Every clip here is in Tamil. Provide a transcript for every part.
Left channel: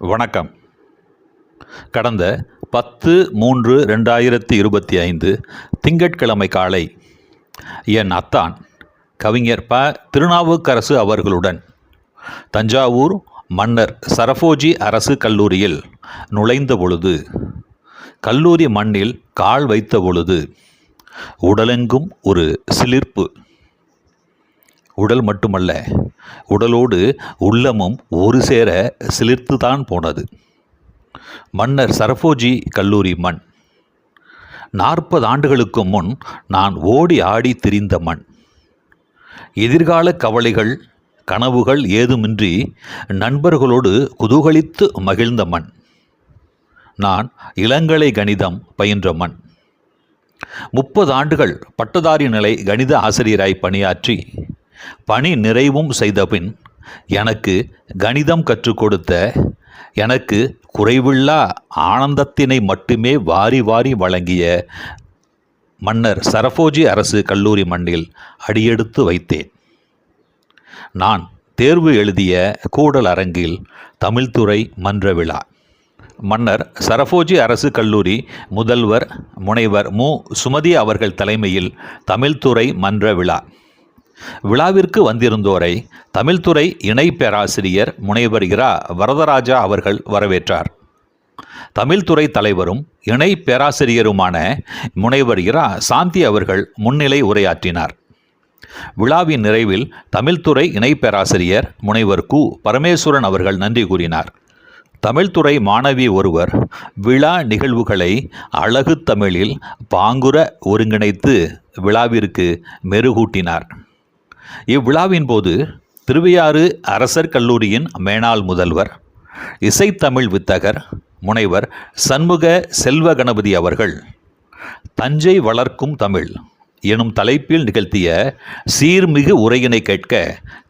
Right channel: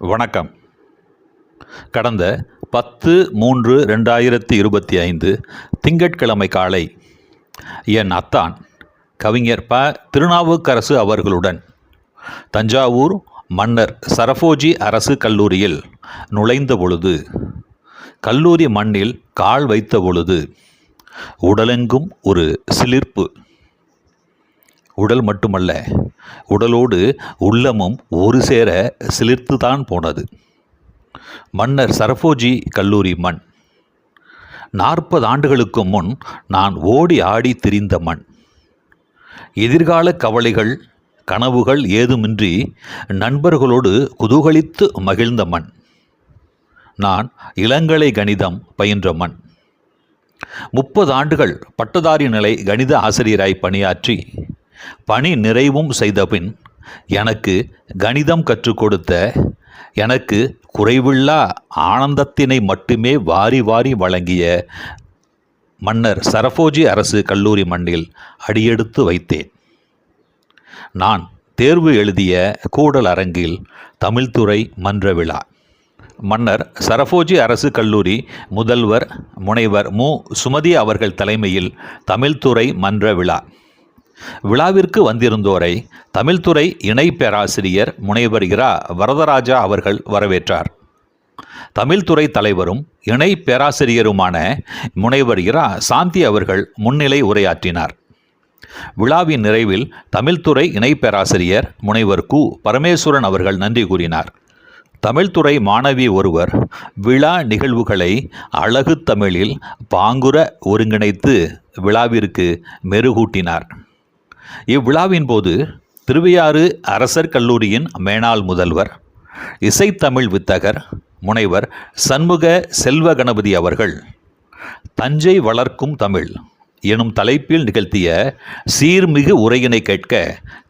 வணக்கம். கடந்த 10/3/2025 திங்கட்கிழமை காலை என் அத்தான் கவிஞர் ப. திருநாவுக்கரசு அவர்களுடன் தஞ்சாவூர் மன்னர் சரபோஜி அரசு கல்லூரியில் நுழைந்த பொழுது, கல்லூரி மண்ணில் கால் வைத்த பொழுது உடலெங்கும் ஒரு சிலிர்ப்பு. உடல் மட்டுமல்ல, உடலோடு உள்ளமும் ஒரு சேர சிலிர்த்துதான் போனது. மன்னர் சரபோஜி கல்லூரி மண். 40 ஆண்டுகளுக்கு முன் நான் ஓடி ஆடி திரிந்த மண். எதிர்கால கவலைகள் கனவுகள் ஏதுமின்றி நண்பர்களோடு குதூகலித்து மகிழ்ந்த மண். நான் இளங்கலை கணிதம் பயின்ற மண். 30 ஆண்டுகள் பட்டதாரி நிலை கணித ஆசிரியராய் பணியாற்றி பணி நிறைவும் செய்தபின் எனக்கு கணிதம் கற்றுக் கொடுத்த, எனக்கு குறைவில்லா ஆனந்தத்தினை மட்டுமே வாரி வாரி வழங்கிய மன்னர் சரபோஜி அரசு கல்லூரி மண்ணில் அடியெடுத்து வைத்தேன். நான் தேர்வு எழுதிய கூடல் அரங்கில் தமிழ்துறை மன்ற விழா. மன்னர் சரபோஜி அரசு கல்லூரி முதல்வர் முனைவர் மு. சுமதி அவர்கள் தலைமையில் தமிழ்துறை மன்ற விழா. விழாவிற்கு வந்திருந்தோரை தமிழ்துறை இணை பேராசிரியர் முனைவர் இரா. வரதராஜா அவர்கள் வரவேற்றார். தமிழ்துறை தலைவரும் இணை பேராசிரியருமான முனைவர் இரா. சாந்தி அவர்கள் முன்னிலை உரையாற்றினார். விழாவின் நிறைவில் தமிழ்துறை இணை பேராசிரியர் முனைவர் கு. பரமேஸ்வரன் அவர்கள் நன்றி கூறினார். தமிழ்துறை மாணவி ஒருவர் விழா நிகழ்வுகளை அழகு தமிழில் பாங்குற ஒருங்கிணைத்து விழாவிற்கு மெருகூட்டினார். இவ்விழாவின் போது திருவையாறு அரசர் கல்லூரியின் மேனாள் முதல்வர், இசைத்தமிழ் வித்தகர் முனைவர் சண்முக செல்வ கணபதி அவர்கள் தஞ்சை வளர்க்கும் தமிழ் எனும் தலைப்பில் நிகழ்த்திய சீர்மிகு உரையினை கேட்க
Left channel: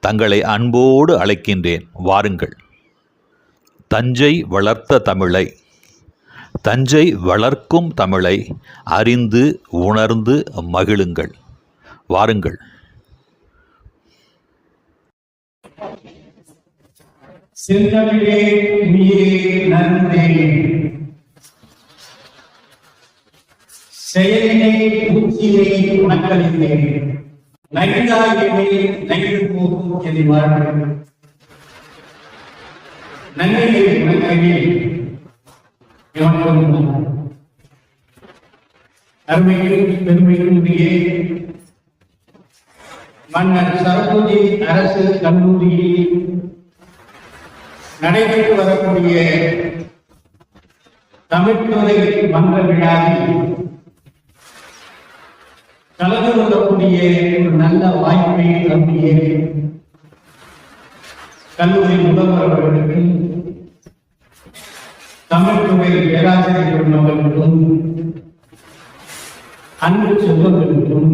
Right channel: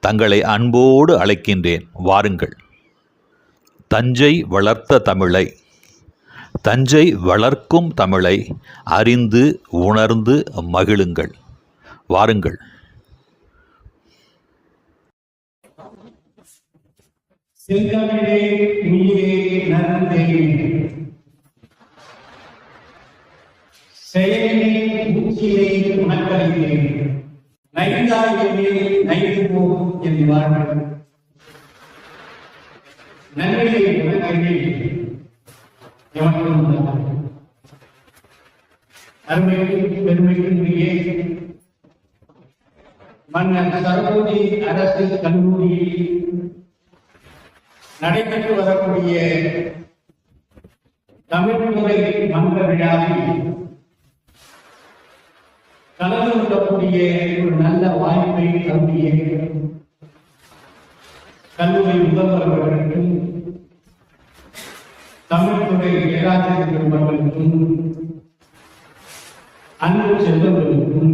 தங்களை அன்போடு அழைக்கின்றேன். வாருங்கள். தஞ்சை வளர்த்த தமிழை, தஞ்சை வளர்க்கும் தமிழை அறிந்து உணர்ந்து மகிழுங்கள். வாருங்கள். செந்தமிழே உயிரே நன்றே, செயலினை ஊற்றினை உனக்களித்தேன், நைந்தாயினை நைந்து போகும் என் வாழ்வு, நன்மையை உனக்கே எவனும் அருமைக்கும் பெருமைக்கும் உரிய மன்னர் சரபோஜி அரசு கல்லூரியில் நடைபெற்று வரக்கூடிய தமிழ்துறை மன்ற விழாவில் கலந்து கொள்ளக்கூடிய ஒரு நல்ல வாய்ப்பை தம்பிய கல்லூரி முதல்வர் அவர்களுக்கும் தமிழ்துறை பேராசிரியர் அவர்களுக்கும் அன்பு செல்வங்களுக்கும்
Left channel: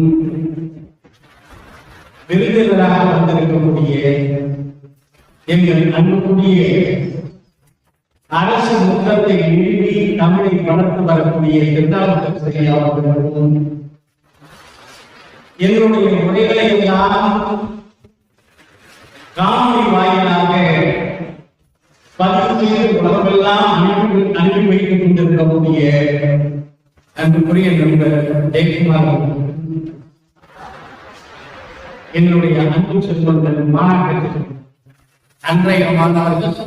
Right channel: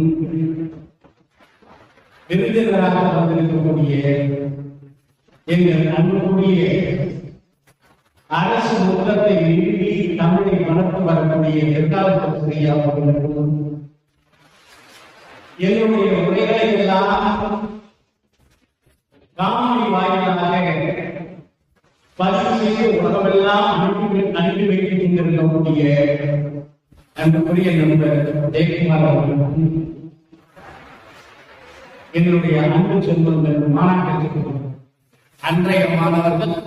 விருந்தினராக வந்திருக்கக்கூடிய எங்கள் அன்புக்குரிய அரசு முகத்தை நிறுவி தமிழை வளர்த்து வரக்கூடிய திருநாவுக்கரசு அவர்களுக்கும் என்னுடைய உரைகளை எல்லாம் காணொலி வாயிலாக பதிவு செய்து உலகமெல்லாம் அனுப்பி வைத்துக் கொண்டிருக்கக்கூடிய அன்புக்குரிய நண்பர் ஜெயக்குமார் அவர்களுக்கும் என்னுடைய அன்பு செல்வங்கள் மாணவர்கள், அன்றைய மாணவர்கள்,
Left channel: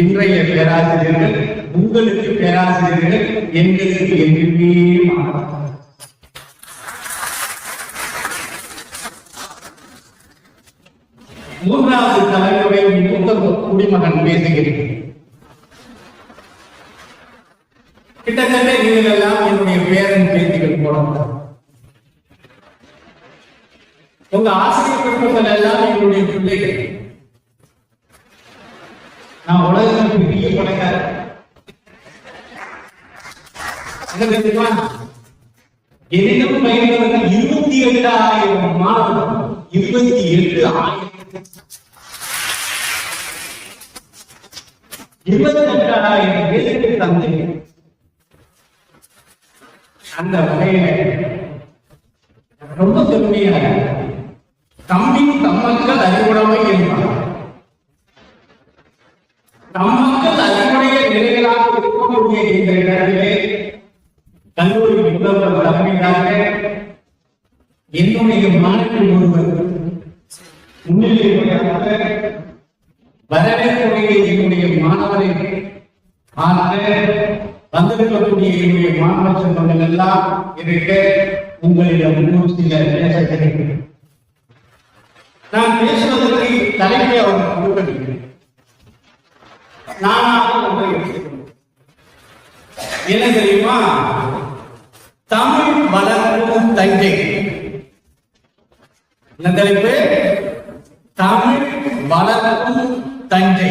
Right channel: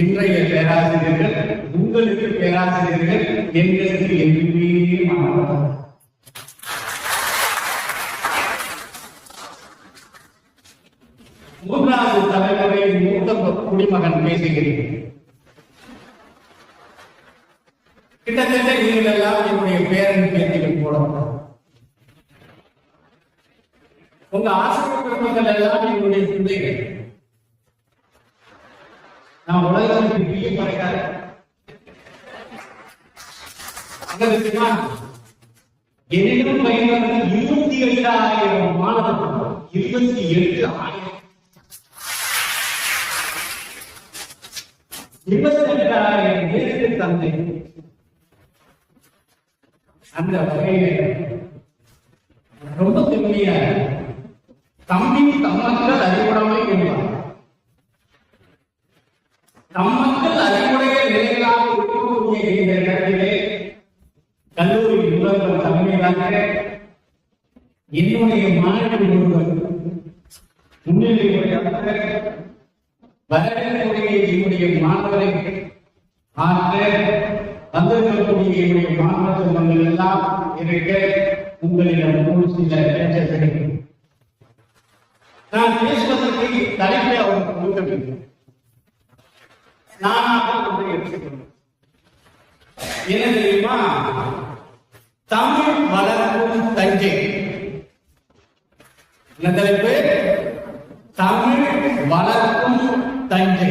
இன்றைய பேராசிரியர்கள், உங்களுக்கு பேராசிரியர்கள், எங்களுக்கு என்றுமே மாணவர்கள். மூன்றாவது தலைமுறை மூத்த குடிமகன் பேசுகிறேன். கிட்டத்தட்ட நீங்கள் எல்லாம் என்னுடைய பேரன் பேத்திகள் போடலாம். உங்க ஆசிரியர்கள் எல்லாம் என்னுடைய பிள்ளைகள். நான் உலகத்தில் பெரிய பணக்காரர். என்னிடம் பயன்படுத்த 28,000 மாணவர்கள், 28,000 பேருக்கு தந்தை. அந்த வகையில ரொம்ப பெருமையா தம்பி தம்மக்கள் அறிவுடைமை என்பார். தம்மக்கள் அறிவுடைய துவங்கக்கூடிய இந்த இடத்திலே கல்லூரி முதல்வர் தலைமையாக என்னுடைய மாணவன் ஒருவர் முன்னிலையாக வரவேற்புடைய என்னுடைய மாணவரை வந்திருக்கக்கூடிய என்னுடைய மாணவ செல்வங்கள் எல்லாம் இருக்க உங்களிடம் சில பேச கிடைக்கும். நான் பேசுவதற்கு தலைமை அவர் கொடுக்கவில்லை, நானாக என்ன தெரியுமா? தமிழ் வளர்க்கும் தஞ்சை. என்ன தலைப்பு? தமிழ் வளர்க்கும் தஞ்சை.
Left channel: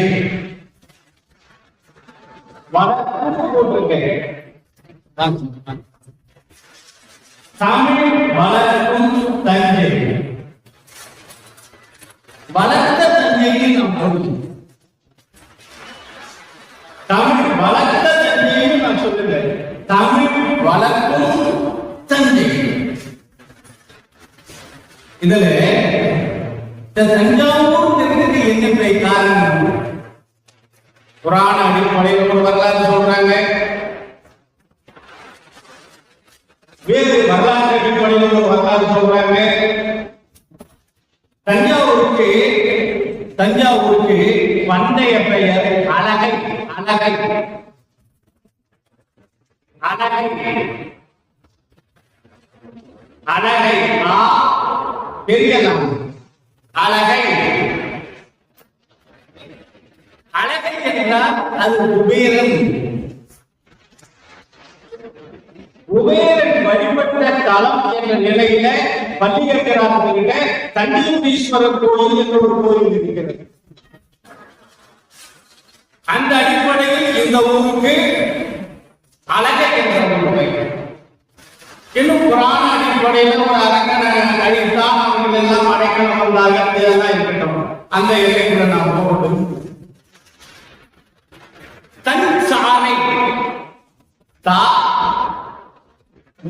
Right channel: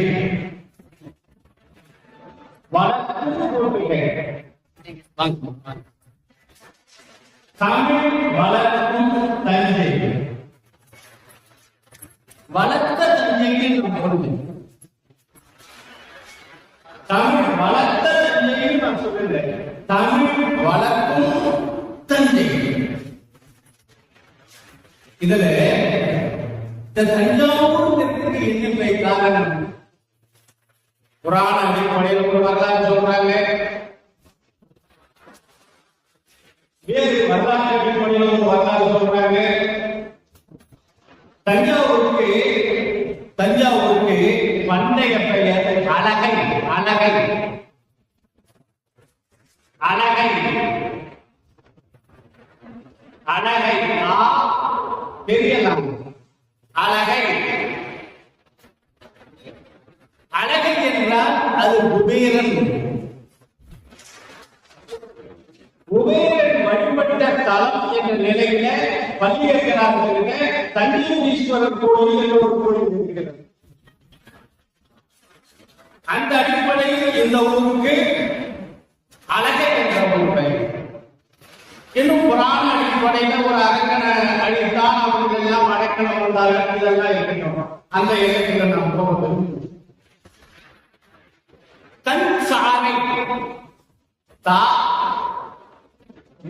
வளர்க்கும் தமிழ் வளர்க்கும் தஞ்சை. வளர்த்த தஞ்சையை நாம் சொல்லுவோம். தமிழ் வளர்த்த தஞ்சையை நான் சொல்லுவேன். தமிழ் வளர்க்கும் தஞ்சை. இதில் தஞ்சாவூர் என்ன காரணம்? புராண அடிப்படையில் ஒரு வரலாறு சொல்றாங்க, வேறு வரலாறு அடிப்படையில் ஒரு வரலாறு சொல்றாங்க. தஞ்சாவூருக்கு பண்டைய பெயர் அழகை. அழகை அழகை அழகை தெரியலாம். அழகை அழகை என்றால் அது குபேரன். குபேரன் வழிபட்ட தலம் என்ற நிலையில பள்ளிகராகிட்ட தஞ்சீஸ்வரர் கோயில் என்ற ஒரு கோயில் இருக்கிறது. அந்த அடிப்படையில் இந்த ஊருக்கு அழகை என்ற ஒரு பெயர். இன்னும் புராண அடிப்படையில் ஒரு அரங்கனை அழித்தால் அவர்கள் எல்லாம் அடைக்கணும் இருக்கட்டும். அந்த இலக்கிய நாம் போகட்டும். தன் சாலை தா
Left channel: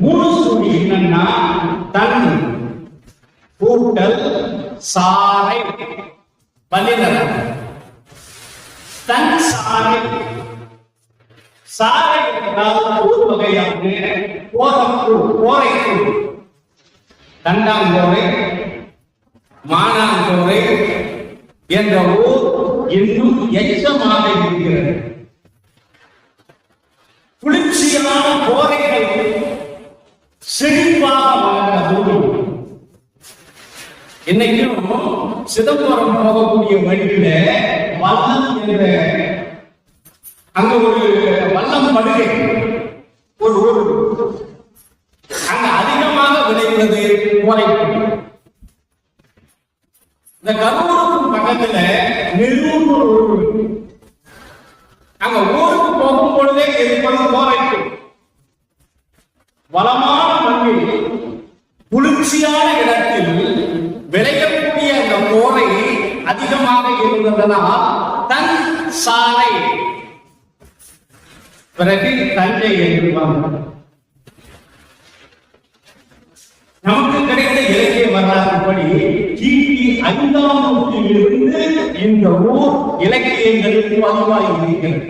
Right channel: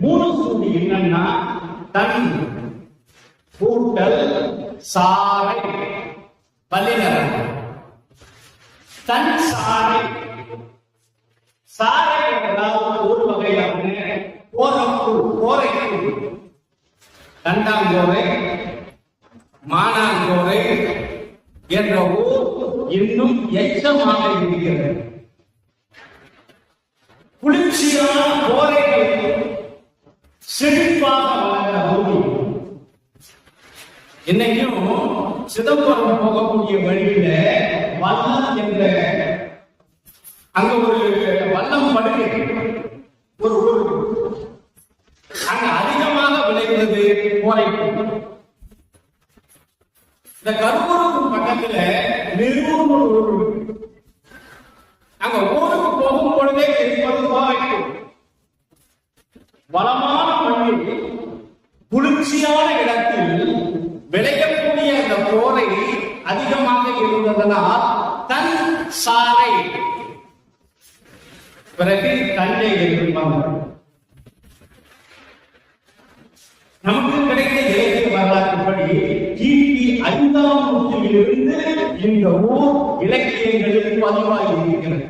மூணு சுழி என்னன்னா தன் கூட்டல் சாலை பலிதர். தன் சாலை. சாலை என்றால் ஒரு வகையான கோரைக்குழு. கண்டாங்கோரை மானாங்கோரை என்ற ஊர் இன்னும் எச்சமாக இருக்கிறது. குளிர்ச்சியான கோரைகள் செழிப்பாக வளர்ந்த ஊர். இன்னைக்கும் சிதம்பரம் போகக்கூடிய வழியில வல்லம் என்ற அங்க ஒரு வல்லம் படுகை ஒரு ஊர். அங்க அதிகமாக விளைவது கோரைக்குழு. இந்த கரூருக்கு பக்கத்துல நெருங்கூர். அங்க ஊருக்கு போகும் பொழுதே இருப்பது கோரைக்குழு. வளமான மண்ணில் குளிர்ச்சியான இடத்தில் விளையக்கூடிய அந்த கோரை அதிகமாக இருந்ததனால் தன் சாலை பிறகு தஞ்சை என்பாங்க. நமக்கு கிடைத்த இலக்கிய வரலாற்றுப்படி கிபி 5ஆம் நூற்றாண்டிலிருந்து இந்த ஊர் இலக்கியங்களில் பதிவாகி இருக்கிறது.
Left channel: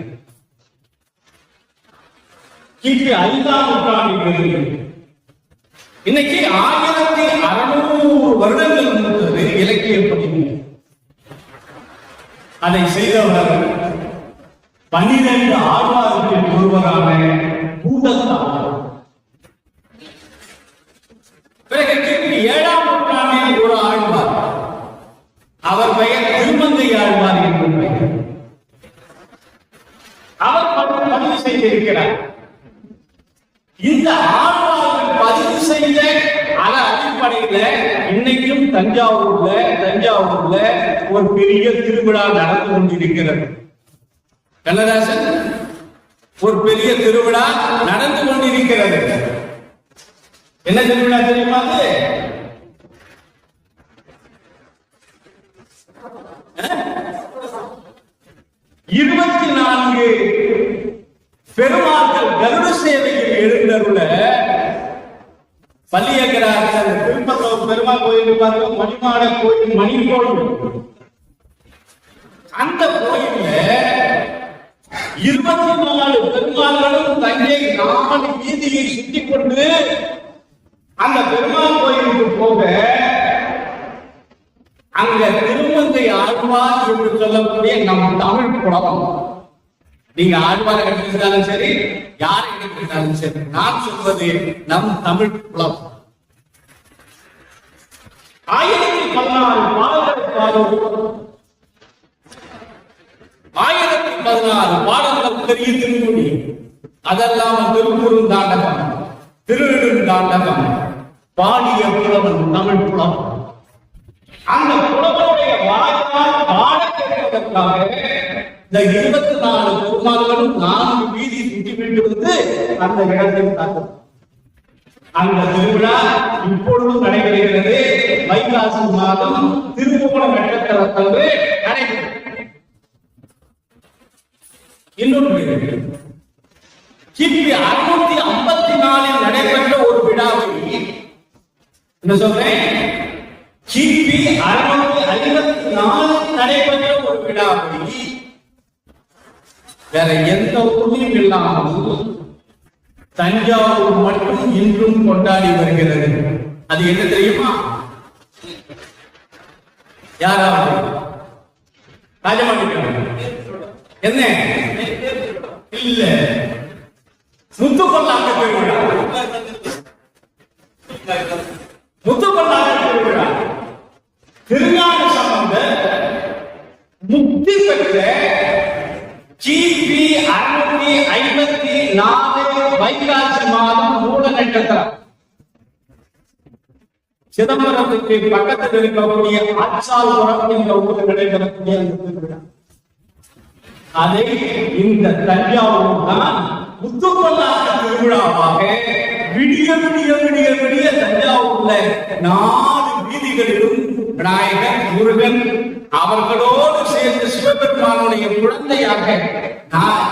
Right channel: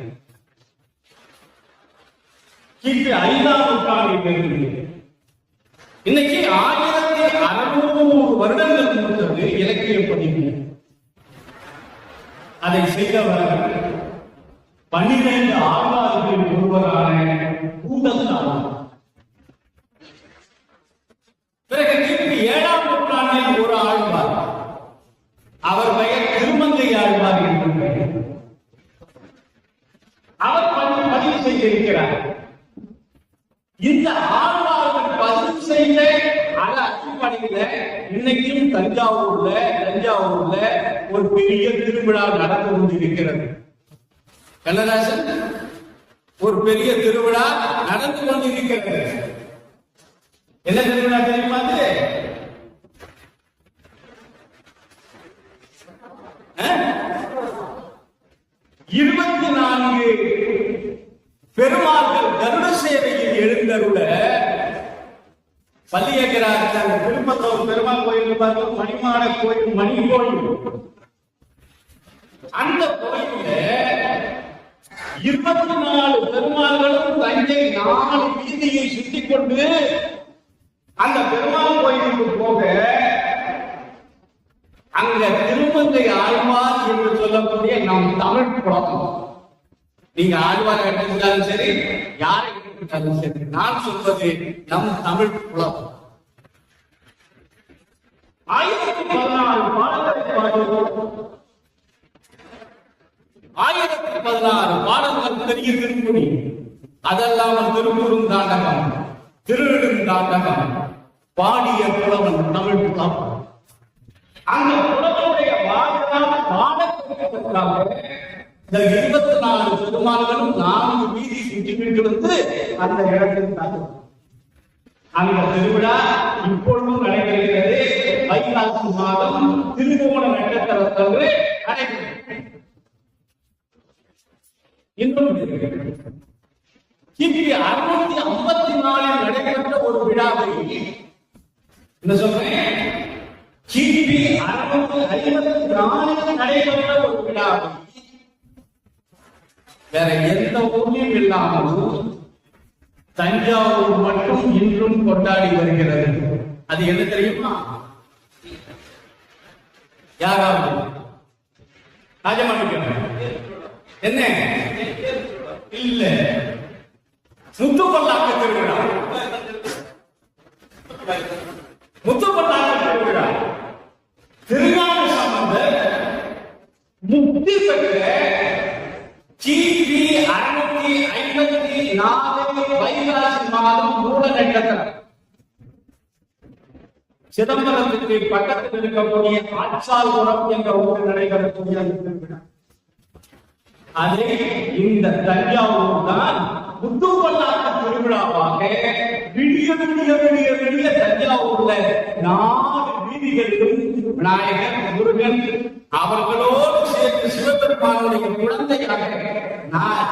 கிபி 5ஆம் நூற்றாண்டிலிருந்து இன்னைக்கு 1600 வருடங்கள் முடித்தது இலக்கிய பதிவு. அதை செய்தவர் 12 ஆழ்வார்களில் ஒருவரான பூதத்தார். பிறகு கிபி 7ஆம் நூற்றாண்டில் ஒரு ஆழ்வார், அவர் பெயர் திருமங்கை ஆழ்வார் என்று பெயர். அவர் பதிவு செய்திருக்கிறார். இந்த ஆழ்வார்கள் பதிவு செய்த அடிப்படையில இன்னைக்கும் தஞ்சாவூர்ல ஒரு பெரிய திருவிழா நடந்து கொண்டிருக்கிறது. கண்ணதாசன், ஒரு பெரிய திருவிழா நடந்து கொண்டிருக்கிறது. என்ன திருவிழா தெரியுமா? 24 பெருமாக்கள் கருட சேவையில் எழுந்தருள பள்ளியகராக திருப்பத்தூர் பெருமாள் கோயில் பார்த்து மணிமாட கோயில், மணி கோயில். அந்த கோயில்ல 24 பெருமாள்களும் தஞ்சை 4 வீதியை சுத்தி கொண்டு அந்த பெருமாள் கோயிலுக்கு போக அங்க திருமங்கை ஆழ்வார் என்று சொல்லக்கூடிய நம் தமிழ் புலவம், நீங்க ஆழ்வார் எடுத்துக்கிட்டாலும் சரி, யாரை எடுத்துக்கிட்டாலும் சரி, நான் சொல்வது நம் தமிழ் புலவம் 1014 பாடல்கள் பெரிய திருமொழி, அதெல்லாம் திருக்குறும் தாண்டகம், திருநெடும் தாண்டகம் பாடிய புலவன் தமிழ் புலவன். அந்த புலவனுடைய வாய்ப்பால் பாட கேட்பதற்காக இந்த 24 பெருமாள்களும் 4 வீதி சுற்றிவிட்டிருந்து அந்த இடத்தில் தாக்கும். அந்த திருவிழா இப்பொழுதும் நடைபெறுகிறது. வைகாசி மாதம் திருவோண நட்சத்திரத்தன்று நடைபெறுகிறது. இன்னொன்று கிபி 654 நடைபெற்ற ஒரு விழாவை, என்ன சொல்றேன், கிபி 654 நடைபெற்ற ஒரு விழாவை வேற எந்த ஊரிலும் இல்லாமல் தஞ்சாவூர் மட்டும் இன்றும் கொண்டாடி வருகிறது. அது என்ன தெரியுமா? யாராவது என்ன இல்ல, முத்துப்பல்லாக்கு திருவிழா. முத்துப்பல்லாக்கு திருவிழா திருஞான சம்பந்தர் முக்தி பெற்ற கிபி 654 வைகாசி மாதம் மூல நட்சத்திரம் சிதம்பரத்துக்கு பக்கத்தில் இருக்கக்கூடிய ஆச்சால்புரம் என்ற ஊரில் நடைபெறக்கூடிய அந்த திருவிழா. அதை இந்த தஞ்சாவூர் தான் முத்துப்பல்லாக்கு திருவிழாவாக விடிய விடிய விடிய விடிய தஞ்சாவூர்ல 4 வீதிகளிலும் விநாயகர், முருகன் அவர்களோடு சேர்ந்து சிவபெருமானுடைய குழந்தையாக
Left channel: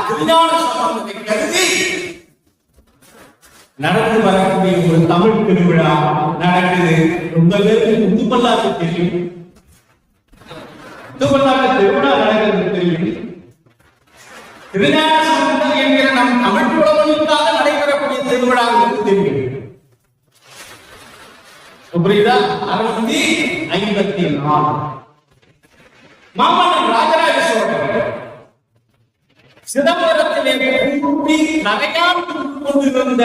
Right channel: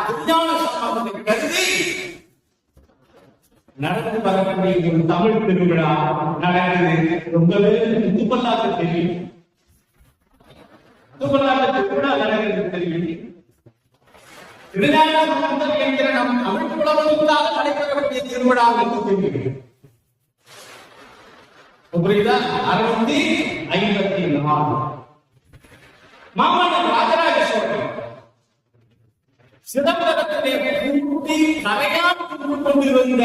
திருஞான சம்பந்தத்தை கருதி நடந்து வரக்கூடிய ஒரு தமிழ் திருவிழா நடக்குது. ரொம்ப பேருக்கு முத்துப்பல்லாக்கு தெரியும், முத்துப்பல்லாக்கு திருவிழா நடக்கிறது தெரியும். திருஞான சம்பந்தர் என்கிற நம் தமிழ் புலவனுக்காக நடைபெறக்கூடிய திருவிழா தெரியும். புரியுதா? 654 மாமன்னன் ராஜராஜ சோழன் சிதம்பரத்திலே கூட்டி நகையால் கொண்டிருந்த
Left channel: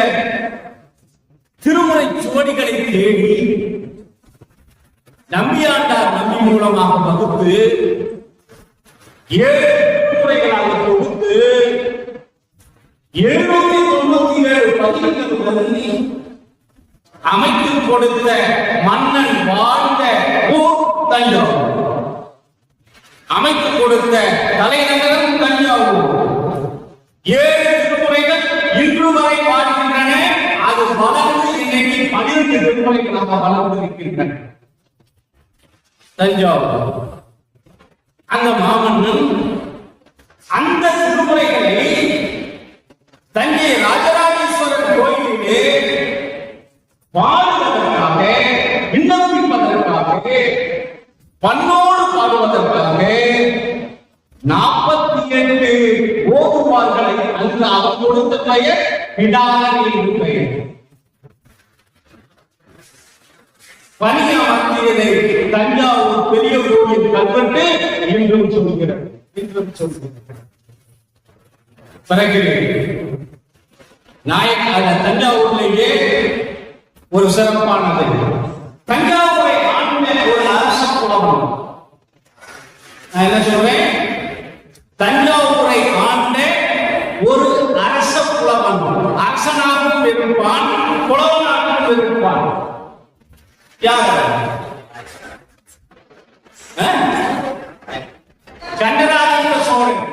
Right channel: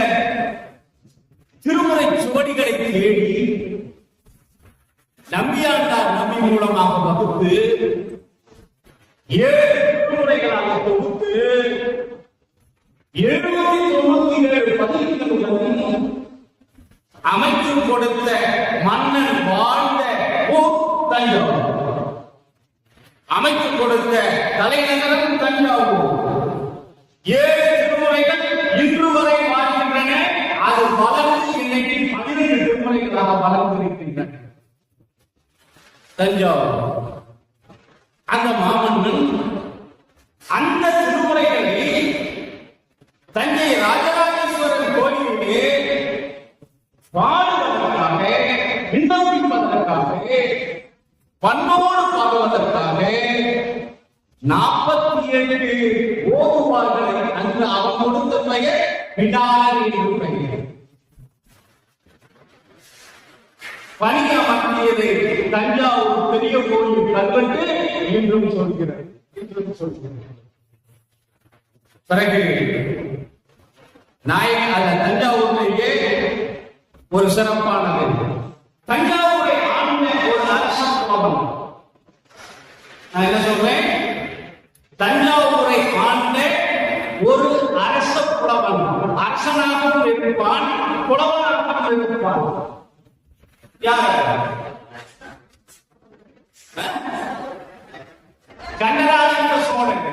திருமுறை சுவடிகளை தேடி நம்பியாண்டார் நம்பி மூலமாக வகுத்து 7 திருமுறைகளாக தொகுத்து 797 பதிகங்களுடன் அமைத்து கொடுத்த மன்னன் வாழ்ந்த ஊர் தஞ்சாவூர், அமைத்து கொடுத்த தலைநகரம் தஞ்சாவூர். 7 திருமுறைகள் இன்று வரை வாழ்கின்றன. அது வளர்ந்து இன்னைக்கு 12 திருமுறைகளாக வளர்ந்திருக்கின்றன தஞ்சாவூர். அந்த மாமன்னன் அந்த திருமுறைகளை தஞ்சை ராஜராஜேஸ்வரர் கோயிலிலே பாடுவதற்காக, விண்ணப்பிப்பதற்காக, பன்னோடு பாடுவதற்காக 48 ஓதுவார்களை அங்கு அவர் கொடுத்த பெயர் பிடாரி பெயர். பணிய மத்தியிலே தஞ்சாவூர் பெரிய கோயில் கல்வெட்டு இன்றும் சொல்கிறது. பிறகு நாயக்க தஞ்சாவூர்லேயே ஒரு சிறப்பானது, தஞ்சாவூரை ஆண்ட ஒரு அரச புலவன். நான் என்ன சொல்றேன், தஞ்சாவூரை ஆண்ட ஒரு அரச புலவன். அரசனாகவும் இருப்பான், புலவனாகவும் இருப்பான். யார்? சண்டராஜேந்திர சோழன்.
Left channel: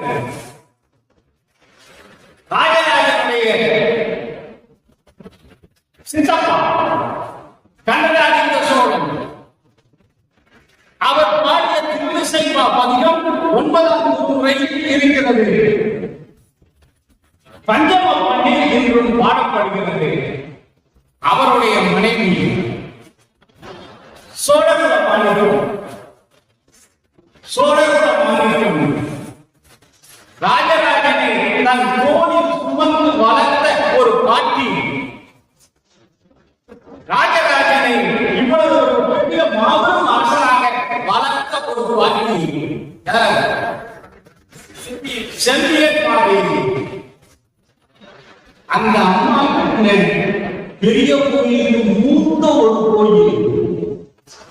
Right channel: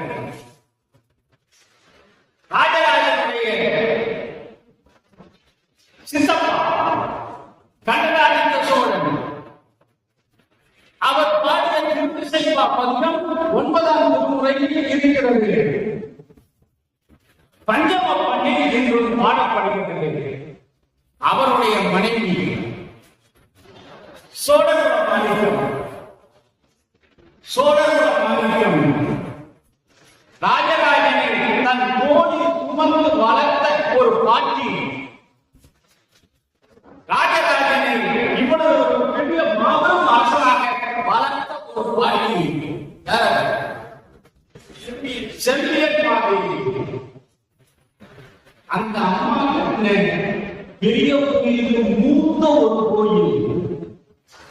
ராஜராஜனுடைய சித்தப்பா கண்டராஜேந்திர சோழன். அவர் பாடிய திருவிசைப்பா பதிகம் 9ஆம் திருமுறையில் இருக்கிறது. பஞ்சம பண்டிகை என்றும் பாடப்படுகிறது. அவருடைய மனைவி சோழகுல மாநிலம், ராஜராஜனை சுமந்து வளர்த்த ஒரு பாட்டி ராஜராஜனை இவ்வளவு ஒரு பெரிய மாபெரும் அரசராக வளர்த்த ஒரு பாட்டி செம்பியன் மாதேவி. அந்த அம்மா பெரிய கோயிலுக்கு மூத்த ஒரு கோயில்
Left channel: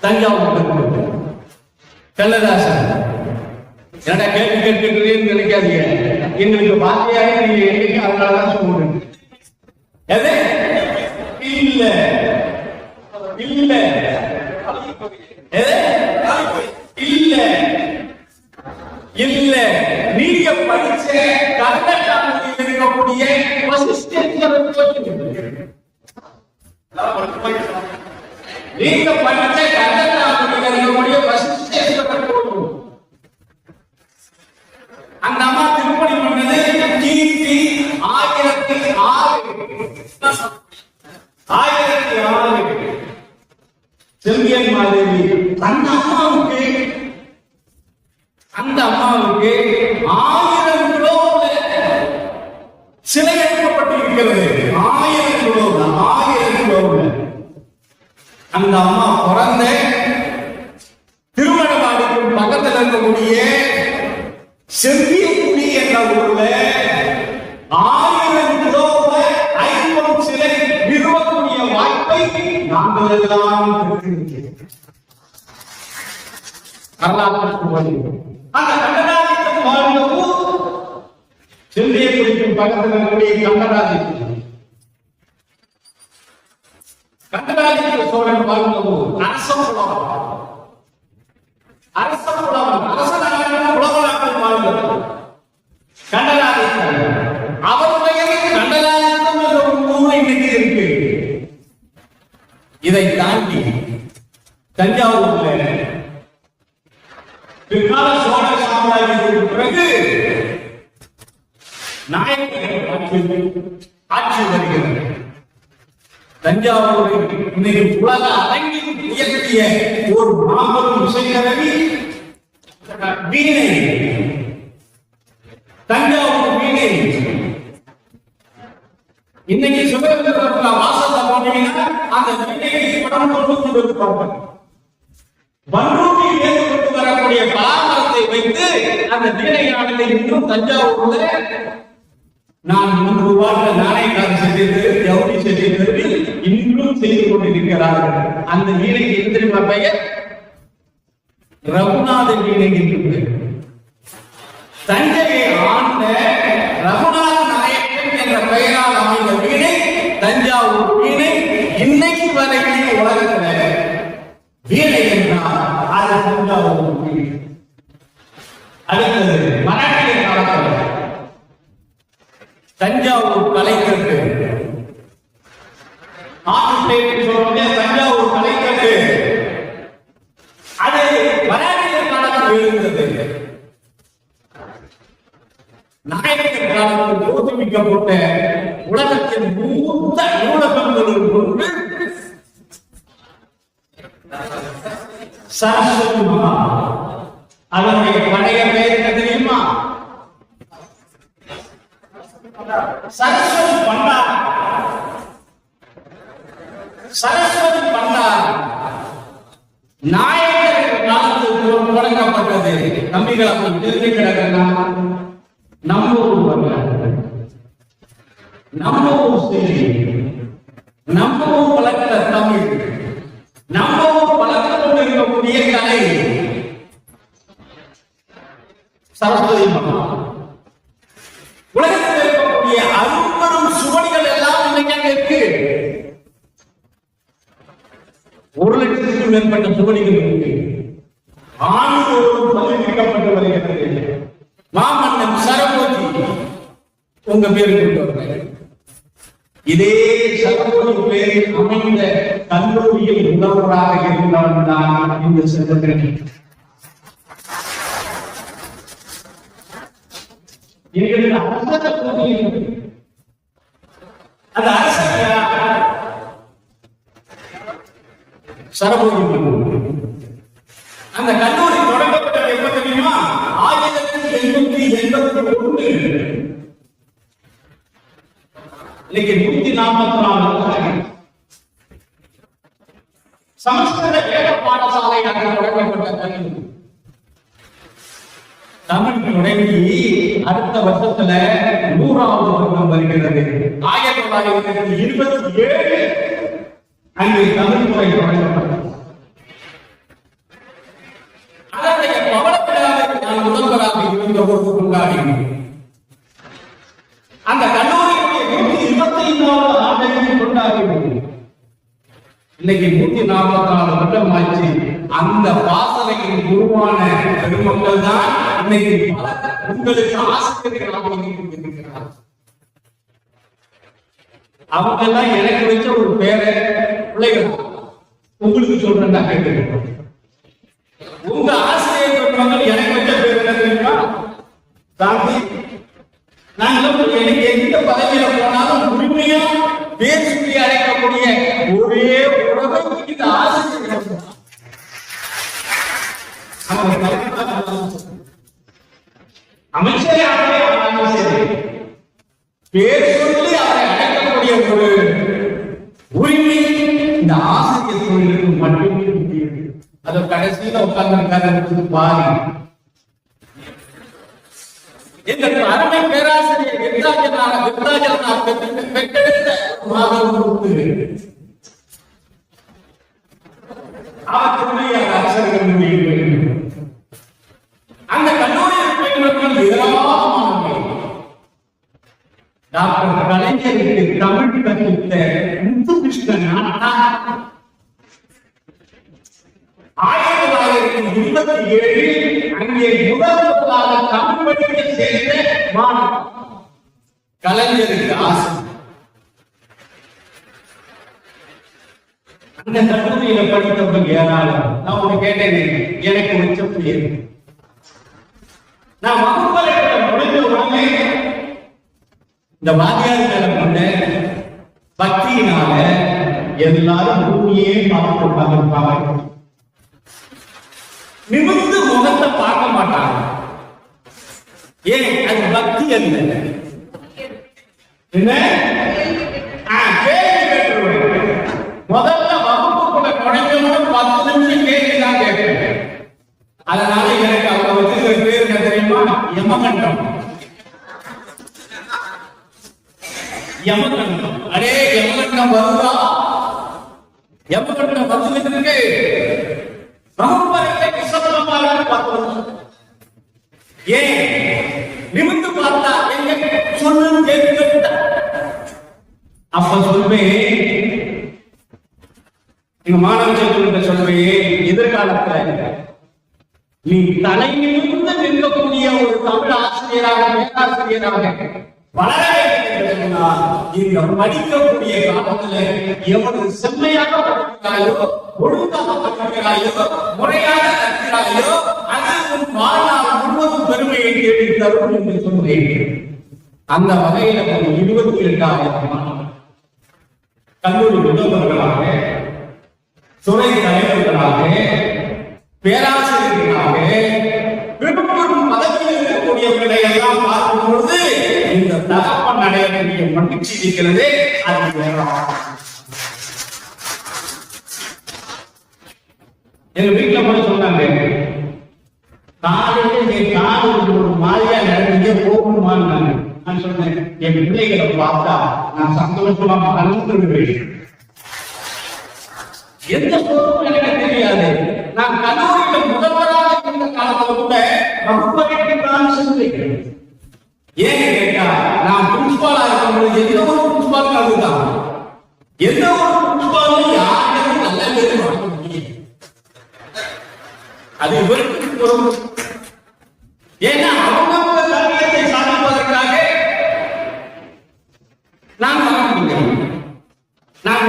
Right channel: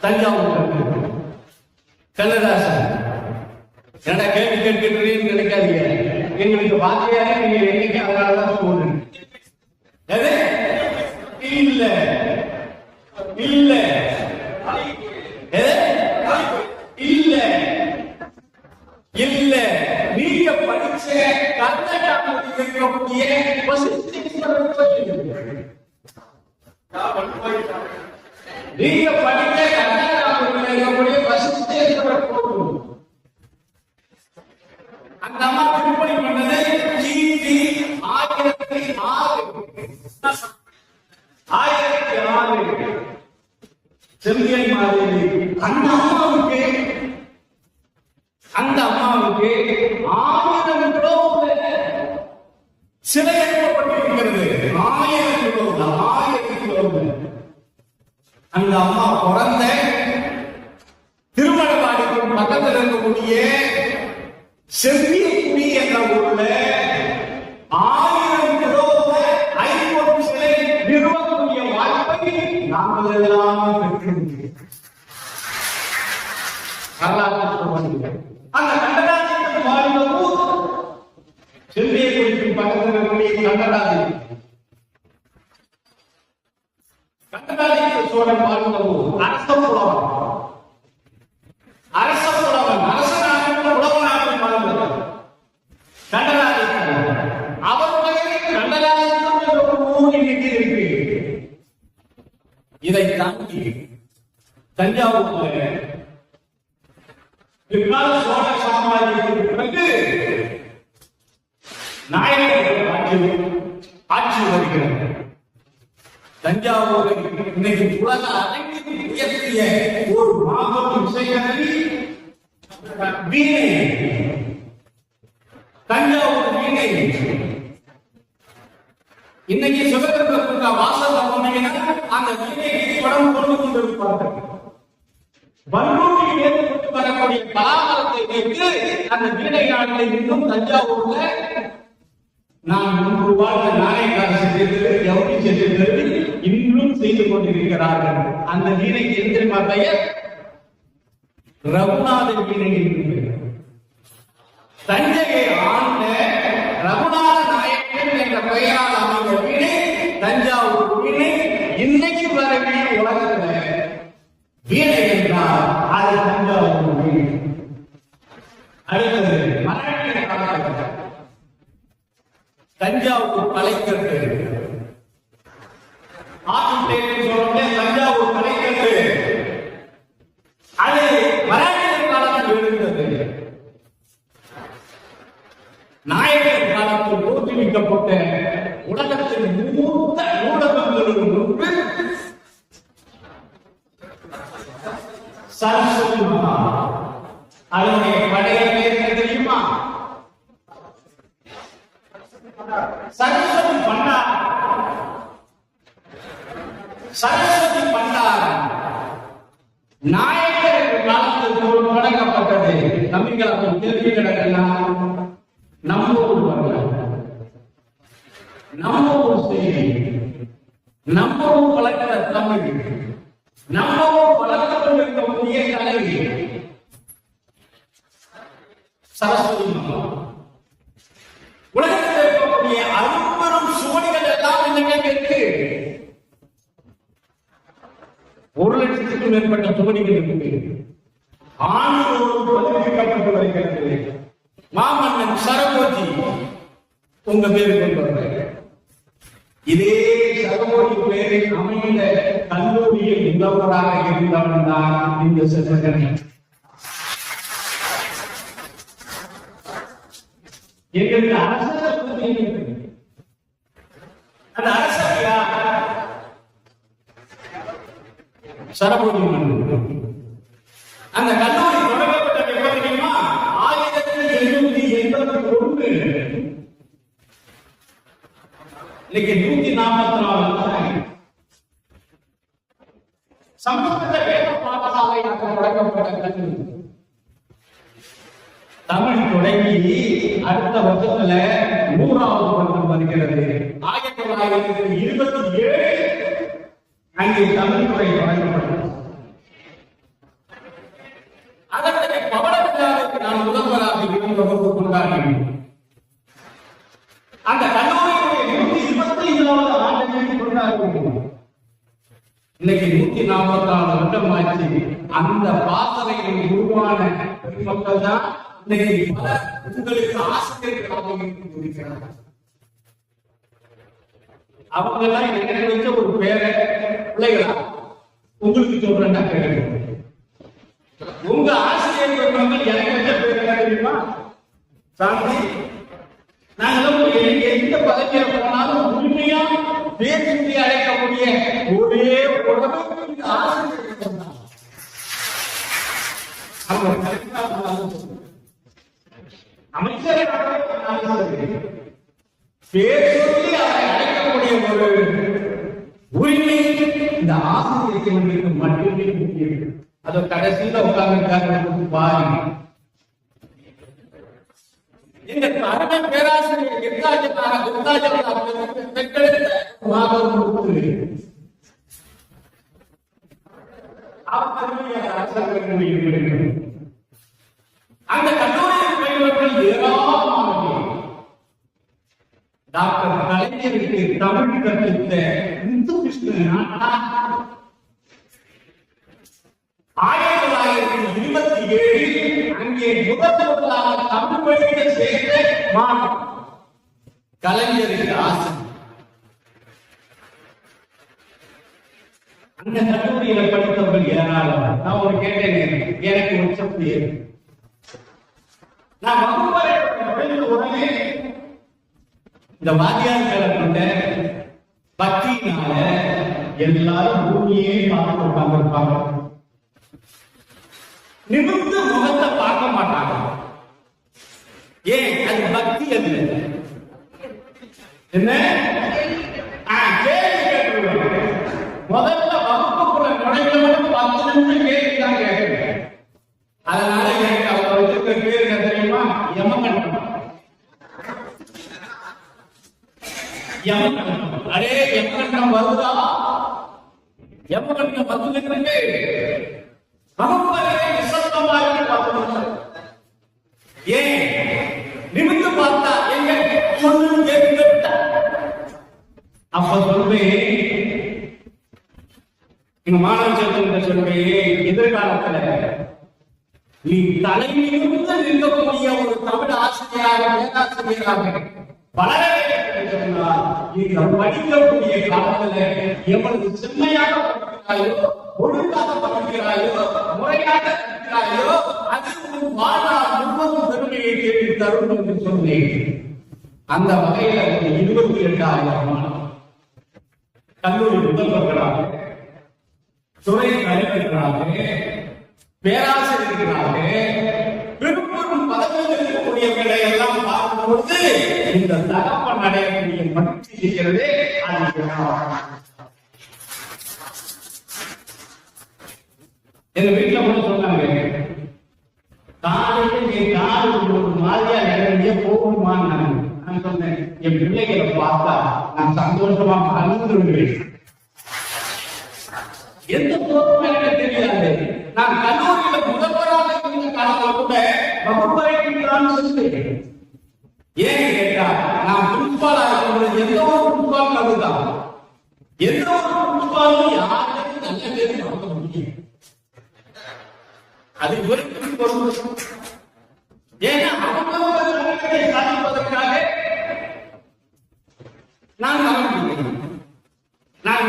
தஞ்சாவூர் கண்ணதாசன். என்ன கேள்வி கேட்கிறேன்னு நினைக்காதீங்க, எங்களுக்கு வாத்தியாக நீங்க என்னைக்கு அவங்களாதான் சொல்லுங்க. எது இல்ல இல்ல இல்ல இல்ல நீங்க படிச்ச கர்நாடகாவில் இருக்கக்கூடிய வசிஷ்டேஸ்வரர் கோயில், நீங்க படிச்ச கர்நாடகாவில் இருக்கக்கூடிய வசிஷ்டேஸ்வரர் கோயில் அந்த அம்மா திருப்பணி பண்ணது கிபி 1006 செம்பியன் மாதேவி. அந்த அம்மாவுக்கு 1000 கிலோல சிலை எழுப்பப்பட்டிருக்கிறது. 1000 கிலோல அந்த அம்மா பிறந்த திருமணமாடுக்கு பக்கத்தில் இருக்கக்கூடிய செம்பியக்குடி என்ற ஊர்ல 1000 கிலோல 500 சிலை நிறுவக்கூடிய வாய்ப்பை நாங்கள் எல்லாம் பெற்றிருக்கிறோம். அந்த கண்டராதித்தன் வாழ்ந்த ஊர் செம்பியக்குடிக்கு பக்கத்தில் இருக்கக்கூடிய கண்டராதித்த சோழன் வாழ்ந்த ஊர் அரசபுரம். அரசனாக உலகநாட்டில் வாழ்ந்தவர் கண்டராதித்தன். அவர் பெயரில் கண்டராதித்தம் என்ற ஒரு ஊர் இன்னைக்கு இருக்கு. இதை தாண்டி தஞ்சாவூர்ல பிற்கால சோழ சாம்ராஜ்யத்திற்கு பிறகு நாயக்கர்கள் ஆட்சி வருகிறது. தஞ்சாவூரில் இன்னைக்கு உலக அரங்கில் உயர்த்திய ஒரு மாபெரும் இசைக்கருவி வீணை, தஞ்சாவூர் வீணை. இன்னைக்கு சுதந்திர வாசத்தை போனீங்கன்னா அந்த வீணைக்கு படம் கொண்டு கொண்டிருப்பாங்க. பன்ருட்டியில் ஏற்பட்டு வரக்கூடிய பலாமரத்தை வைத்து அந்த வீணை நாடனை இன்னும் தஞ்சாவூர்ல நான் 3 ரூபாய் நாணயக்காரன் செஞ்சது ஜவுளி செஞ்சது இன்னும் செய்து கொண்டிருக்கிறார்கள். அந்த வீணைக்கு எந்த தெரியுமா பெயர்? ரகுநாத வீணை என்று. தஞ்சையை ஆண்ட ரகுநாத நாயக்கன் என்ற பெயரால் அமைந்த வீணை தஞ்சாவூர் வீணை. இன்னைக்கு வரைக்கும் உலகத்துல வீணை என்றால் அது தஞ்சாவூர் வீணை. அடுத்தது மராட்டிய காலத்தில் தஞ்சாவூர் கலைக்கட்டு சொல்றோம். தஞ்சாவூர் கலைக்கட்டு அது மராட்டிய காலத்தில் இருந்தது. நாயக்கர் காலத்தில் தோற்றுவிக்கப்பட்ட உலகத்தின் மூத்த நூலகங்களுள் ஒன்று சரஸ்வதி மகா. அதனுடைய பழைய பெயர் என்ன தெரியுமா? சரஸ்வதி பண்டார். சரஸ்வதி பண்டார் நாயக்கர் காலத்தில் தொடங்கப்பட்டது. நம்பிக்கையாளர்கள் திருப்பி கிடக்குன்னா நம்ம ஊர் வரல, நம்ம ஊர் செய்தி, நம்ம ஊர் வளர்க்கிற தமிழ், நம்ம ஊர் வளர்த்து கொண்டிருக்கக்கூடிய கலை சரஸ்வதி மகா. உலகத்தில் இருக்கக்கூடிய அரும்பெரும் சுவடிகள் எல்லாம் இன்னைக்கு இருக்கு. 1 லட்சத்துக்கும் மேற்பட்ட சுவடிகள் இருக்கு. ஆண்டுதோறும் பதிப்பிக்கப்பட்டு வருகிறது. மாமன்னன் சரபோஜி உங்க பேருக்கு கொண்டு வர இதே சரபோஜி பேரில் அமைந்த கல்லூரியில் உள்ளவராக இருந்தவன் தான் இந்த சிவகணி. எங்களுக்கு அரச அது அரச சரபோஜி மன்னன். அந்த கல்லூரி தொடங்கப்பட்டது எப்ப தெரியுமா? 1881. இன்னைக்கு 144 சமஸ்கிருத வேத பாடசாலை அங்கே தொடங்கப்பட்ட கல்லூரி. தமிழ் தொடங்கி அடுத்த வருஷத்துல 100வது வருடம் வருகிறது. 1927 அங்கே தமிழ் துறை தொடங்கப்பட்டது. அதனுடைய பவள விழாவை நான் முதல்வராக இருந்தவருக்கு கொண்டாடினேன். அந்த கல்லூரியுடைய 125வது ஆண்டையும் கொண்டாடினோம். இன்னைக்கு 144 வருடம் ஆச்சு. அந்த பாசறையின் உருவான பெருமக்கள் தான் இன்னைக்கு உங்களுக்கு ஆசிரியர்களாக இருக்கிறார். அவங்க தான் எனக்கு வச்ச ஒரு பேரை பிள்ளைகளா உங்களுக்கு சொல்றேன்டா கேட்டு. உங்க ஆசிரியர் சொல்றவங்க எனக்கு வச்ச பேர் என்ன தெரியுமா? சாந்தி. நாங்கள் எனக்கு எந்த பதவியில போனாலும் உரிமையா பேர் சொல்லி அழைக்கக்கூடிய ஒரே உறவை இந்த ஆசிரியர் அமைச்சரே பேர் சொல்லி அவரை அழைக்கக்கூடிய ஒரு உரிமை இந்த ஆசிரியர் தொழிலுக்கு மட்டுமே முக்கியம். அது கடைசியில் உட்கார்ந்து பாரு. எங்கள் அருமை பேராசிரியர் விருத்தாஜலனாக பெற்றெடுத்த அவர்களுடைய அரசர்கள் முடிவு. அந்த கல்லூரியில் பயின்றவர்கள் ஏராளமானவர்கள். டாக்டர் கலைஞருக்கு தமிழ் கற்பித்த முத்துகிருஷ்ணன் 1927 அங்கே முதலாக தமிழ் படிக்க சேர்ந்த மாணவர் கலைஞருக்கு ஆசை. அந்த கல்லூரியில படித்தவர்கள் ஏராளம். நான் ஒண்ணு கேட்டேன், எனக்கு வச்ச புரியுது. நான் வகுப்பறையில் நுழைந்த உடனே இந்த வாத்தியார்களை கொண்ட பக்தியினால எல்லாரும் பூமியே பார்த்து உட்கார்ந்துருப்பாங்க. நிமிர்ந்து முகத்தை பார்க்க மாட்டாங்க. ஏன்? அது பக்தி அல்ல. என்ன? முதல்ல வகுப்புக்குள்ள நுழைஞ்சவனும் 10 நிமிஷம் கேள்விதான் கேட்பேன். அதனால எனக்கு அப்ப வந்து பேர் என்ன தெரியுமா? யமகண்டம். யமகண்டம். அடே யமகண்டம் வருதா? யமகண்டம் வந்துட்டு இருக்கு. வகுப்பறையை நிசப்தமாக 10 நிமிஷம். ஏன்? நிமிர்ந்து பார்த்தா எங்க சொன்னது கேட்க. அப்ப சொல்வேன், எங்க மாணவர்களுக்கு சொல்வேன், எதிர்காலத்துல நீ தலை நிமிர்ந்து நிற்கக்கூடிய ஒரு தமிழ் ஆசிரியராக பேராசிரியராக வளர வேண்டும் சொன்னால் நீங்க படிக்கக்கூடிய காலத்தில் எவ்வளவு செம்மையாக படிக்கிறாயோ, ஒழுங்காக படிக்கிறாயோ, முறையாக கற்கிறாயோ, அது உன் வாழ்நாள் முழுவதும் பெருமையை தேடி தரும் என்று சொன்னேன். அந்த வகையில் 22,000 மாணவர்கள் கல்லூரி முதல்வர்களாக, துறை தலைவர்களாக, பேராசிரியர்களாக, பெரும் பதவியில் இருக்கக்கூடியவர்களை எல்லாம் பார்க்கும் பொழுது இந்த தகப்பன் அடையக்கூடிய மகிழ்ச்சி இருக்கிறது. அது எங்க வீட்டுல கூட சொன்னாங்க, காலையில் ஒரு மாதிரியா நடந்தே போகணுமான்னு. நான் சொன்னேன், என் பிள்ளைகளை பார்த்தா நான் சந்தோஷமா மறந்துடுவேன். எந்த போதும் எனக்கு தெரியாது. நான் கல்லூரியில் முதல்வராக இருந்த காலத்துல கூட வகுப்பறைக்கு நான் சொல்லுகிறேன். ஏன்னு கேட்டா, நான் பிரின்சிபாலா இருக்கும்போது எந்த ஒரு பிரின்சிபாலும் அதுதான். எந்த ஒரு பிரின்சிபாலும் யாருக்கும் நல்ல பேர் வாங்க முடியும். அது இவருக்கு பொருள். ஏன்னா அவங்க காரியத்தை சாதிப்பதற்காக நான் வாங்க முடியும். நான்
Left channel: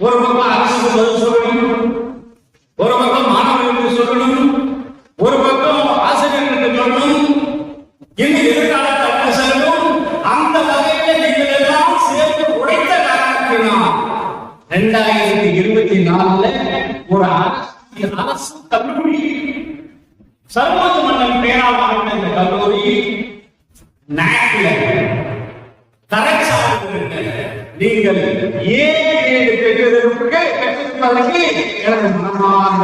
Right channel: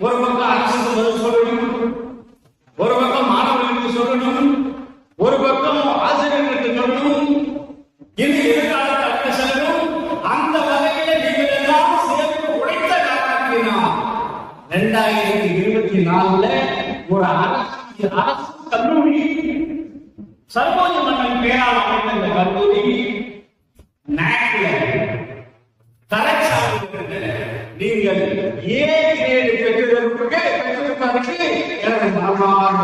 ஒரு பக்கம் அரசு பதில் சொல்லணும், ஒரு பக்கம் மாணவர்களுக்கு சொல்லணும், ஒரு பக்கம் ஆசிரியர்களுக்கு சொல்லணும், இன்னும் எதிர்காலத்தை செல்லும். அந்த வகையில நீங்கள் எல்லாம் சேர்ந்து உழைத்த காரணத்தினால் 2024 ஒரு அரசு கல்லூரி, சர்வோஜ மன்னன் பேரால் அமைந்த இந்த கல்லூரி நீங்கள் பெற்றதற்கு எனது மனமார்ந்த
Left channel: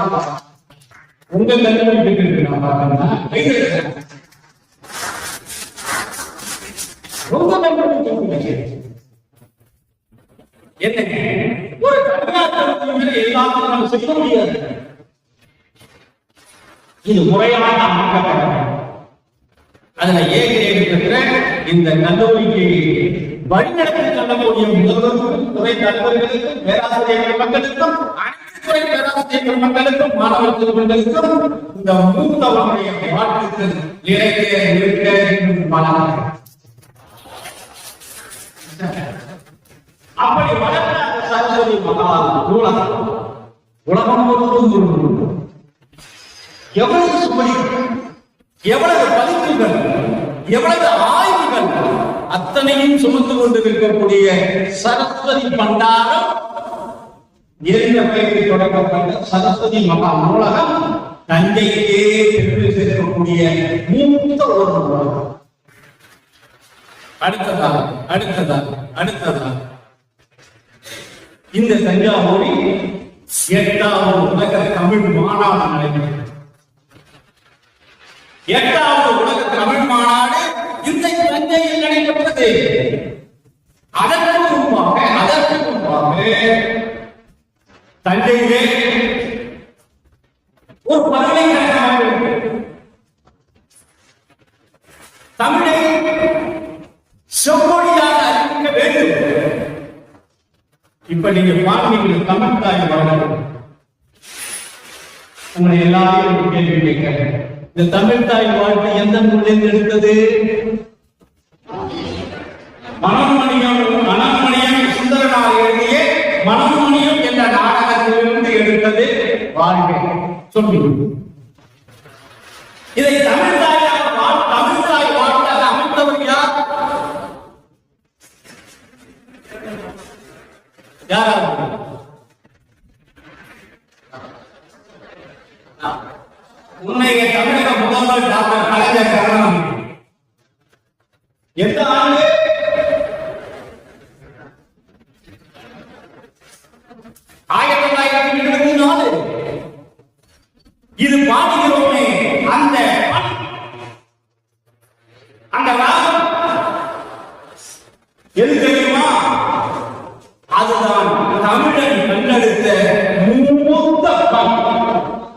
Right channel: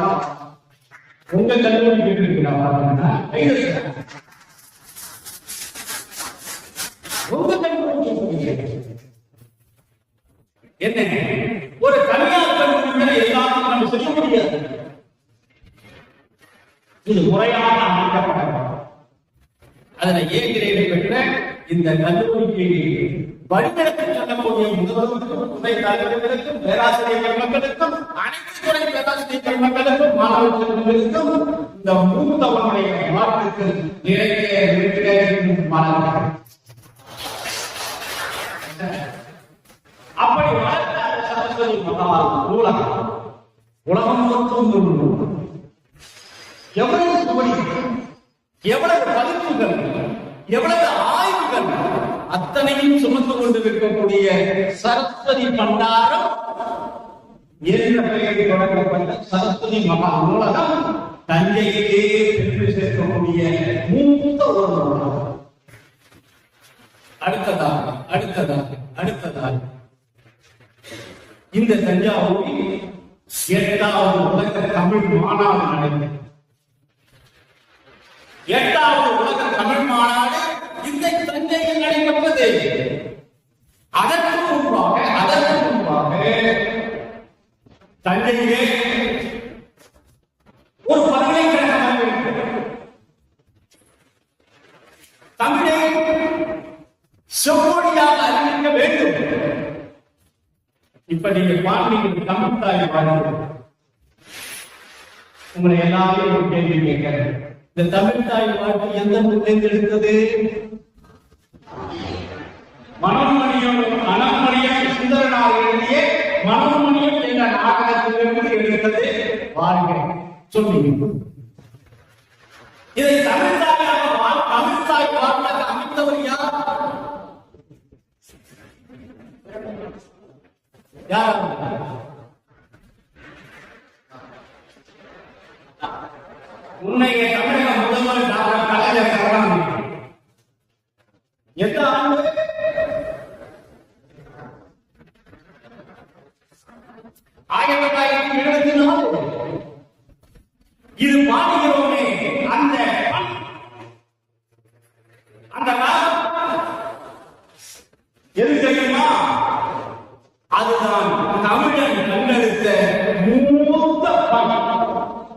உங்க கல்வி பெற்றிருக்கு நான் பாருங்க என்ன ஒரு தனியார் கல்லூரி எல்லாத்தையும் நம்ம செய்ய முடியாது. இது முறையாக அமைக்கப்படும். அதுல ஏற்கனவே பெற்ற இந்த கல்லூரிக்கு வழிநடத்தி செல்லக்கூடிய முதல்வருக்கும் துறை தலைவர்களுக்கும் பேராசிரியர்கள் மக்களுக்கும் அனைத்து துறை பேராசிரியர்கள் மக்களுக்கும் மாணவ செல்வங்களுக்கும் இந்த மூத்தவனுடைய வாழ்த்துக்கள் இருக்க வளர்க்க அப்படி வளர்ந்த அந்த சரஸ்வதி மகா நூலகம் உலகம் முழுவதும் எவ்வளவு சுமதி, எவ்வளவு பதிப்புகள், எவ்வளவு ஆய்வுகள் அத்தனையும் சுமந்து கொண்டிருக்கக்கூடிய சரஸ்வதி பண்டாரம் என்ற பெயரில் தொடங்கப்பட்ட சரஸ்வதி மகா நூலகம் தஞ்சையிலே பெற்று சேர்க்கக்கூடிய மூத்த ஒரு நூலகம். அடுத்ததாக இந்த தஞ்சாவூரில் 8வது உலக தமிழ் மாநாடு நடைபெற்றது. 8வது உலக தமிழ் மாநாடு இந்த தஞ்சையில் நடைபெற்றது. அதற்கு முன்பாக தஞ்சையிலே ஒரு பல்கலைக்கழகம் தமிழை செம்மொழியாக அறிவிக்க வேண்டும். இப்ப நீங்க பாருங்க, தமிழ் தாய் வாழ்வு உங்களை எல்லாரையும் கேள்வி கேட்கிறேன். இந்த தமிழ் தாய் வாழ்வு எந்த நூலில் எடுத்தது? மனோன்மணியம் சுந்தரனார் எழுதிய மனோன்மணியம் என்ற நாடகத்திலிருந்து எடுத்தது. வாழ்வு சொல்லுங்க. இதை தமிழ் தாய் வாழ்வாக அமைத்தவர் யார்? உன்னைய தமிழக முதல்வர் டாக்டர் கலைஞர் கருணாநிதி எந்த ஆண்டு? 1974. இது பாடுகிறோமே அந்த ராகம் எது தெரியுமா? அதுதான் தமிழன் கண்டெடுத்த மூத்த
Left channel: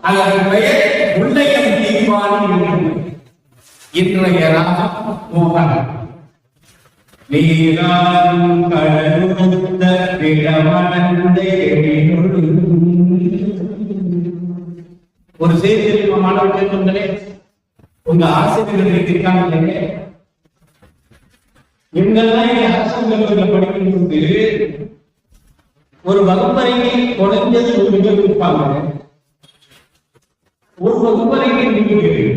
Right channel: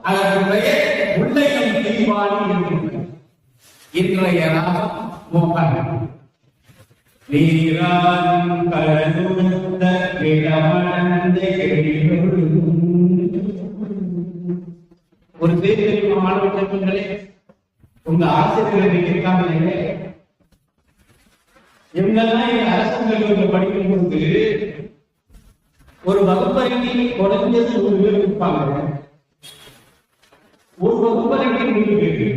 அதன் பெயர் முல்லையன் தீர்மானி. இன்றைய ராகம் மோகன். நீராடும் கடலுடுத்த இடமடந்த எழிலொடு. ஒரு செய்தி தெரியுமா மாணவர்களே? உங்க ஆசிரியர்கள் இருக்காங்க. இவங்கெல்லாம் இந்த அரசு கல்லூரியில் படிக்கும் போது ஒரு வகுப்பறையில் குறைஞ்சது 100 பேர் இருப்பாங்க. ஒரு வகுப்பறைக்கு 100 பேர்.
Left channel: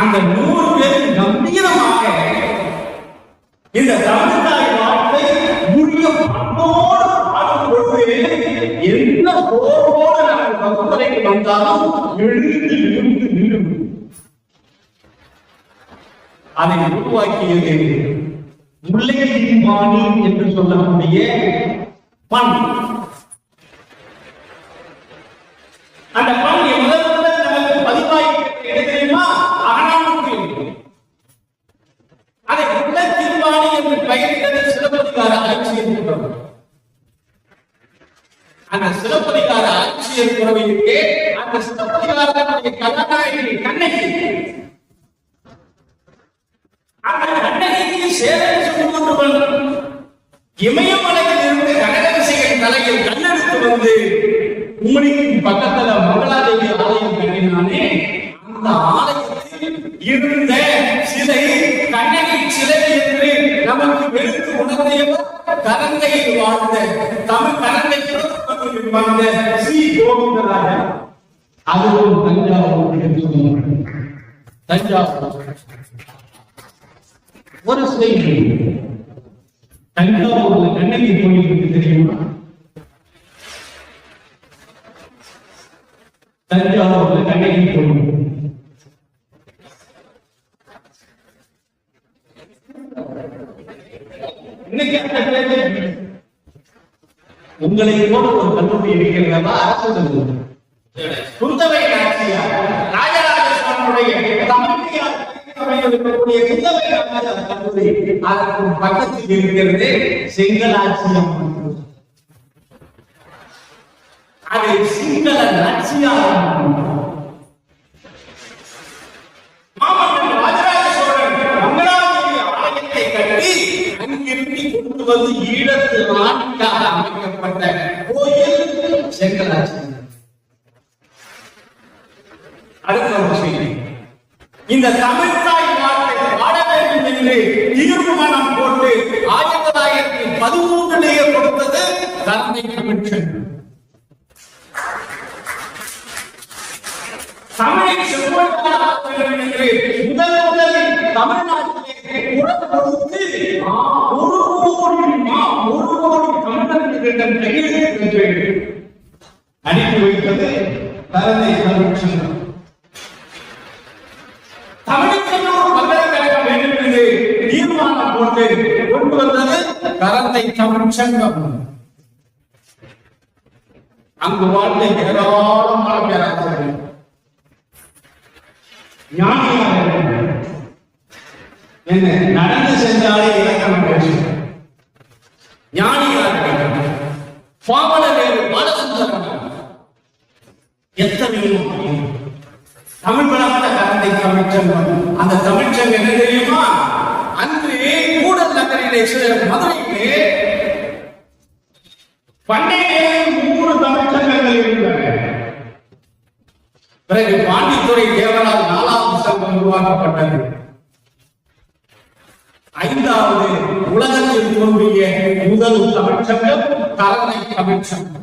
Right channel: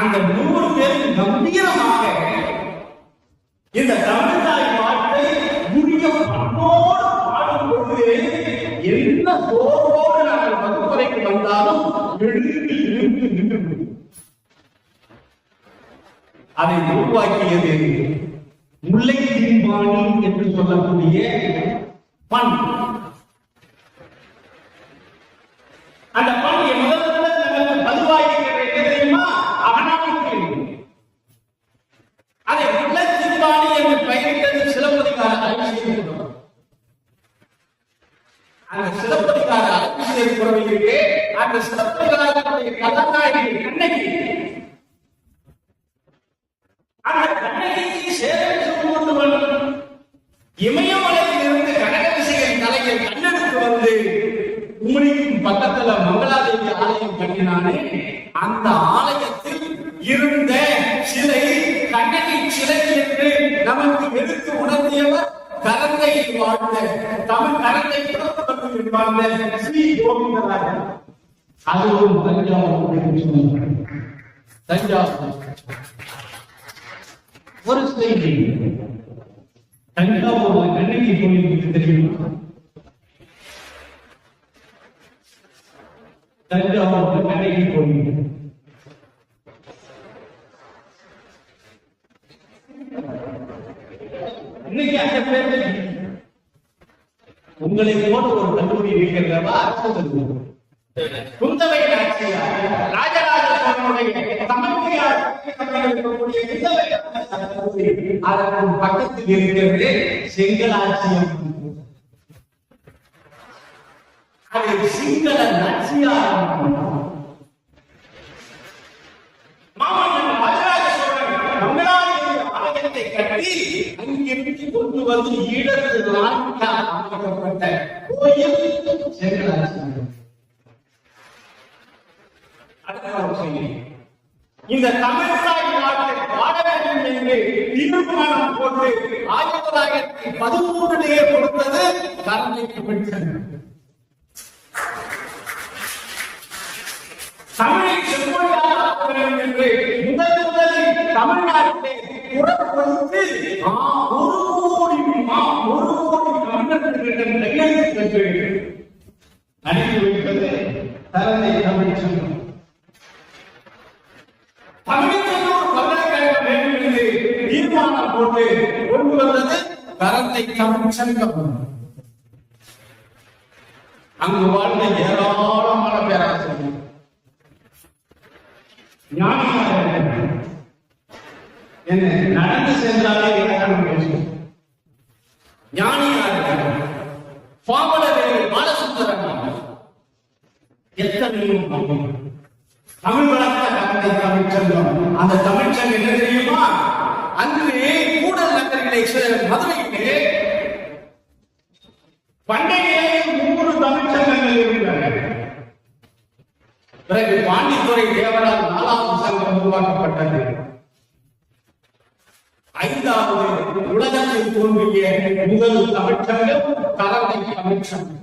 அந்த 100 பேருக்கு கம்பீரமாக இந்த தமிழ் தாய் வார்த்தை முடிய பண்ணோடு பாடும் பொழுது என்ன சோர்வோடு அந்த வகுப்பறைக்கு வந்தாலும் எழுந்து அதை உருவாக்கியது முல்லை தீர்மானி என்று சொல்லக்கூடிய பண். அந்த பண் முதல் பதிவாயிருக்கிறது தெரியுமா? அகனாவுக்கு. அதை முல்லை தீர்மானி என்று பெயரிட்டது சிலப்பதிகார ஆட்சியர். அந்த சிலப்பதிகார ஆட்சியர் புறவிற்கு அந்த சிலப்பதிகாரனுடைய கதாநாயகி கண்ணகி. அந்த கண்ணகிக்கு சேவை சொல்லுவன் இமயமலையில் இருந்து கடகவிசையின் தலையில் கண்ணெடுத்து வந்து உம்மணிக்கும் பக்கத்துல மங்களாதேவி ஆலயம் கட்டினானே. அந்த ஆலயத்தில் இருந்த சிலை கண்ணகி சிலை என்று நமக்கு எடுத்து உணர்ந்தியவர் கரந்தையில் வாழ்ந்த தமிழ் கரந்தை புறப்பட்டு வாழ்ந்த ஸ்ரீ கோவிந்தராஜர். அதுவும் தஞ்சாவூர். ஒரு செய்தி தஞ்சாவூர்ல கண்ணகி கோயில் பற்றி தெரியுமா? தஞ்சாவூர்ல கண்ணகி கோயில் இன்னைக்கு உங்களை போல ஒரு கல்லூரி இருக்கிறதா அரசு கல்லூரி. குந்தவை நாச்சியார் ராஜராஜ சோழனுடைய தமிழ்நாடு இருக்கக்கூடிய குந்தவை நாச்சியார் கல்லூரி அதற்கு பக்கத்தில் இருக்கிறது செங்கலாட்சியம். அதை சிங்கள நாச்சியார் மாமன்னன் ராஜராஜ சோழன் மங்களாதேவி ஆலயத்தை கட்டி அங்கிருந்து கொண்டு வந்து ஈழத்து ராணிக்காக அமைக்கப்பட்ட கோயில் செங்கலாட்சியம். அடுத்த ஒரு செய்தி, இந்த தமிழ்தாய் நாட்டை பாட வேண்டும் என்று தீர்மானம் போட்டு 1913 கொடுத்தது தந்தை கமிஷன். தமிழை செம்மொழியாக என்று முதலில் தமிழ்நாட்டிலே குரல் கொடுத்து 1 கோடி தமிழர்களிடம் கையெழுத்து அனுப்பி வைத்தது தந்தை கமிஷன். தமிழுக்கு ஒரு பல்கலைக்கழகம் வேண்டும் என்று தீர்மானம் போட்டு கொண்டு வந்தது தந்தை தமிழ்ச்சங்கம். அங்கு வாழ்ந்த ஏராளமான பேராசிரியர்கள் ஞானியார்கள் என்ன நடந்து சென்றாலே இலக்கணம் பேசும் ஞானியார்கள் பாவலர்கள் பாலசுந்தரன் எத்தனையோ தமிழ் வளர்ந்த தந்தை தமிழ்ச்சங்கம். அந்த தமிழ்ச்சங்கம் என்ன தெரியுமா? அன்று கூடல் நகரிலே மதுரையிலே பண்டைய 3 தமிழ்ச்சங்கங்கள் இருந்தன. பிறகு பாண்டித்துறை தேவரால் 4வது சங்கம் உருவாக்கப்பட்டது. 5வது உலகத்தில் தோன்றிய முதல் தமிழ்ச்சங்கம் தந்தை தமிழ்ச்சங்கம்.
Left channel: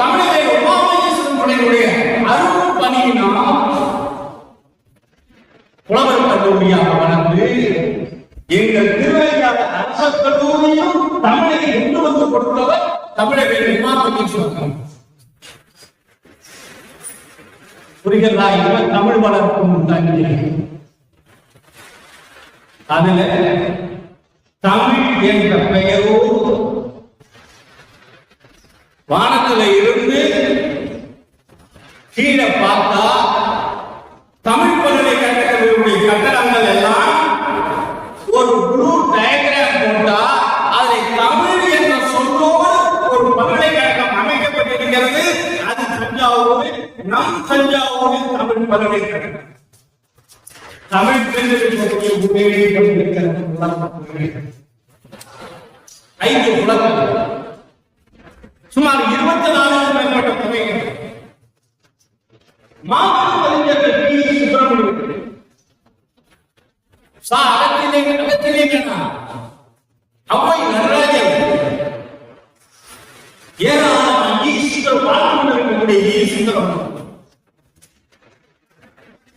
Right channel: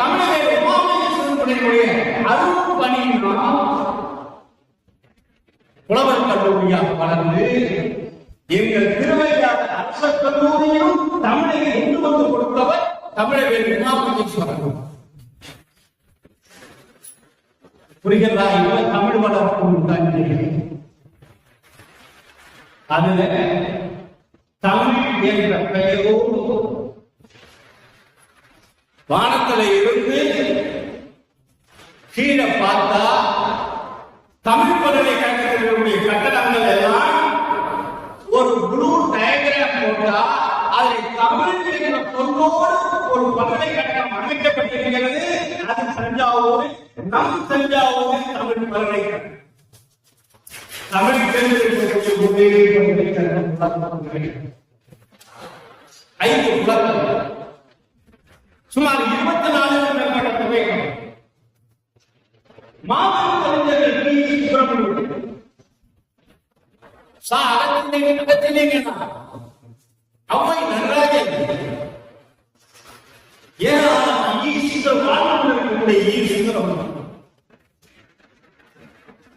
தமிழக உமாமேஸ்வரனுடைய அருள் பணியினால் புலவர் கல்லூரியாக வளர்ந்து எங்கள் திருவையாறு அரசு கல்லூரியும் தமிழை கொண்டு வந்து கொடுத்தவர் தமிழக உமாமேஸ்வரன். புரிகிறதா? தமிழ் வளர்க்கும் தண்ணி அதுல தமிழ் என்ற பெயரோடு வானத்துல இருந்து கீழே பார்த்தா தமிழ் பல்கலைக்கழகங்களுடைய கட்டடங்கள் எல்லாம் ஒரு ப்ளூ டயக்ராம் போட்டா அதை தமிழ் என்ற சொல்லோடு ஒரு பல்கலைக்கழகம் அமைக்கப்பட்டிருக்கிறது. அது தஞ்சாவூரில், நம் தஞ்சாவூரில் தமிழ் பல்கலைக்கழகம். தமிழ் தெரிந்திருக்கக்கூடிய உண்மையிலே 5 புலங்கள் சுமார் 24 மேற்பட்ட தொகைகள். மாபெரும் அறிஞர்கள் பி. சுப்பிரமணியன் அவ்வை நடராஜன் ஏராளமான ஈஸ்வர வாழ்க்கை ஈஸ்வரம்.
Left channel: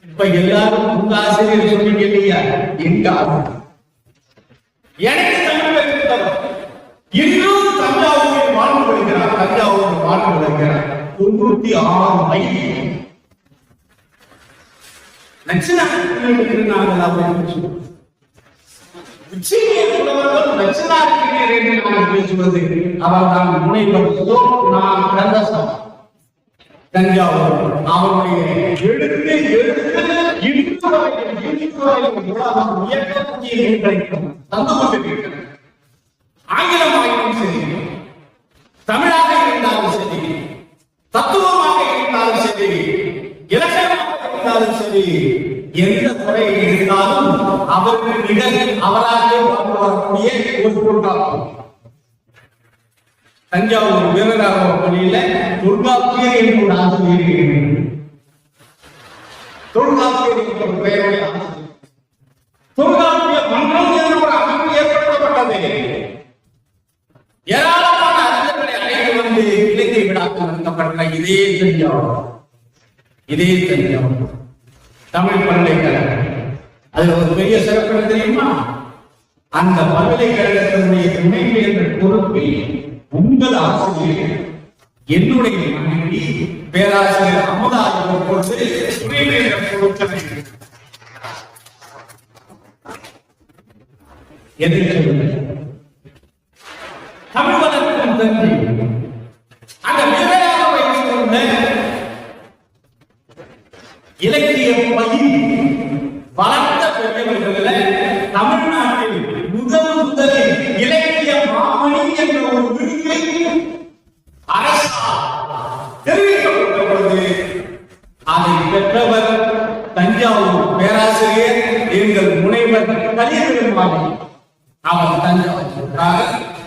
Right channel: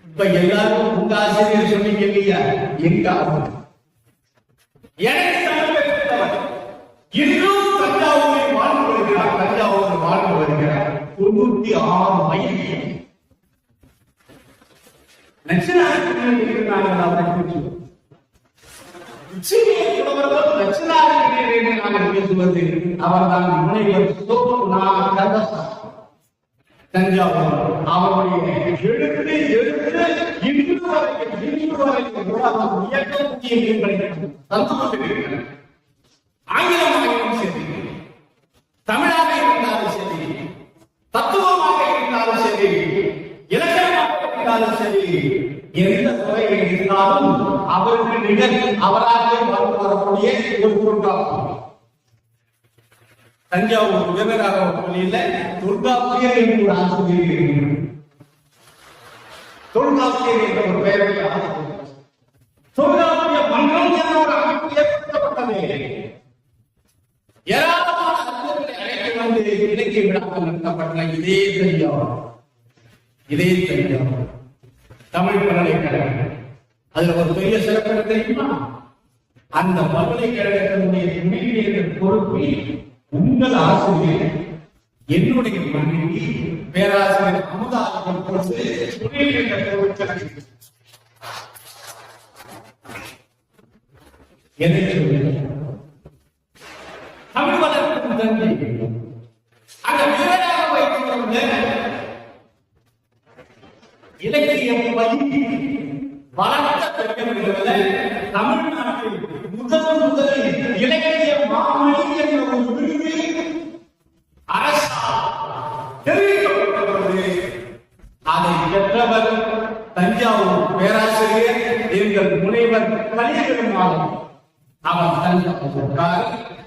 இப்ப எல்லாரும் உங்க ஆசிரியர் சொன்னீங்க இல்லையா? எங்க எனக்கு தமிழ் இன்னும் தஞ்சாவூரில் வாழ்ந்து வருகிறார். தஞ்சாவூர் வாழ்ந்து வருகிறார் 96 மைல் பேசுவது. அவர் தான் முனைவர் தஞ்சாவூர். அவனுடைய எழுத்து தந்து கொண்டிருக்கிறார். ஆங்கிலமாகவும் சரி, தமிழாக இருந்தாலும் சரி, தத்துவமாக இருந்தாலும் சரி, இலக்கணமாக இருந்தாலும் சரி, எந்த துறையில் இருந்தாலும் அவருக்கு நிகழ் அவராகவே வாழ்ந்து வரக்கூடிய ஒரு பொருளாகும். தஞ்சாவூர் வீரராக பள்ளியில தொல்காப்பியர் என்ற ஒரு ஆசிரியர், தொல்காப்பியர் என்ற ஒரு பெயருடைய ஆசிரியர், தொல்காப்பிய மன்றம் என்ற ஒரு அமைப்பு ஏற்படுத்தப்பட்டது. ஏராளமான அறிஞர்களை அழைத்து வந்து இலக்கிய விழாக்கள் நடத்தப்பட்ட இதே தஞ்சாவூர் தமிழ் பல்கலைக்கழகம். அது ஒரு பெரிய சிறப்பு தெரியுமா? அந்த பல்கலைக்கழகத்தினுடைய துணைவேந்தர் பொறுப்பில் உங்கள் ஆசிரியர், என்னுடைய மனைவி பேராசிரியர் அமுதாஜி பொறுத்து துணைவேந்தர் பொறுப்பு. எதை சொல்லுங்க? தமிழ் வளர்க்கும் தந்தை அந்த விளையாட வயசு கொண்ட இலக்கிய பயிர் வளர்த்த பெரியவர்கள் தமிழ்நாட்டில் முதலில் இலக்கிய மாமணி என்ற ஒரு விருதை அரசால் தெரிவிக்கப்பட்ட பொழுது அதை பெற்றவர் தஞ்சாவூர் பேராசிரியர் எங்கள் முனைவர் கலியபெருமாள். அவர் தஞ்சாவூர்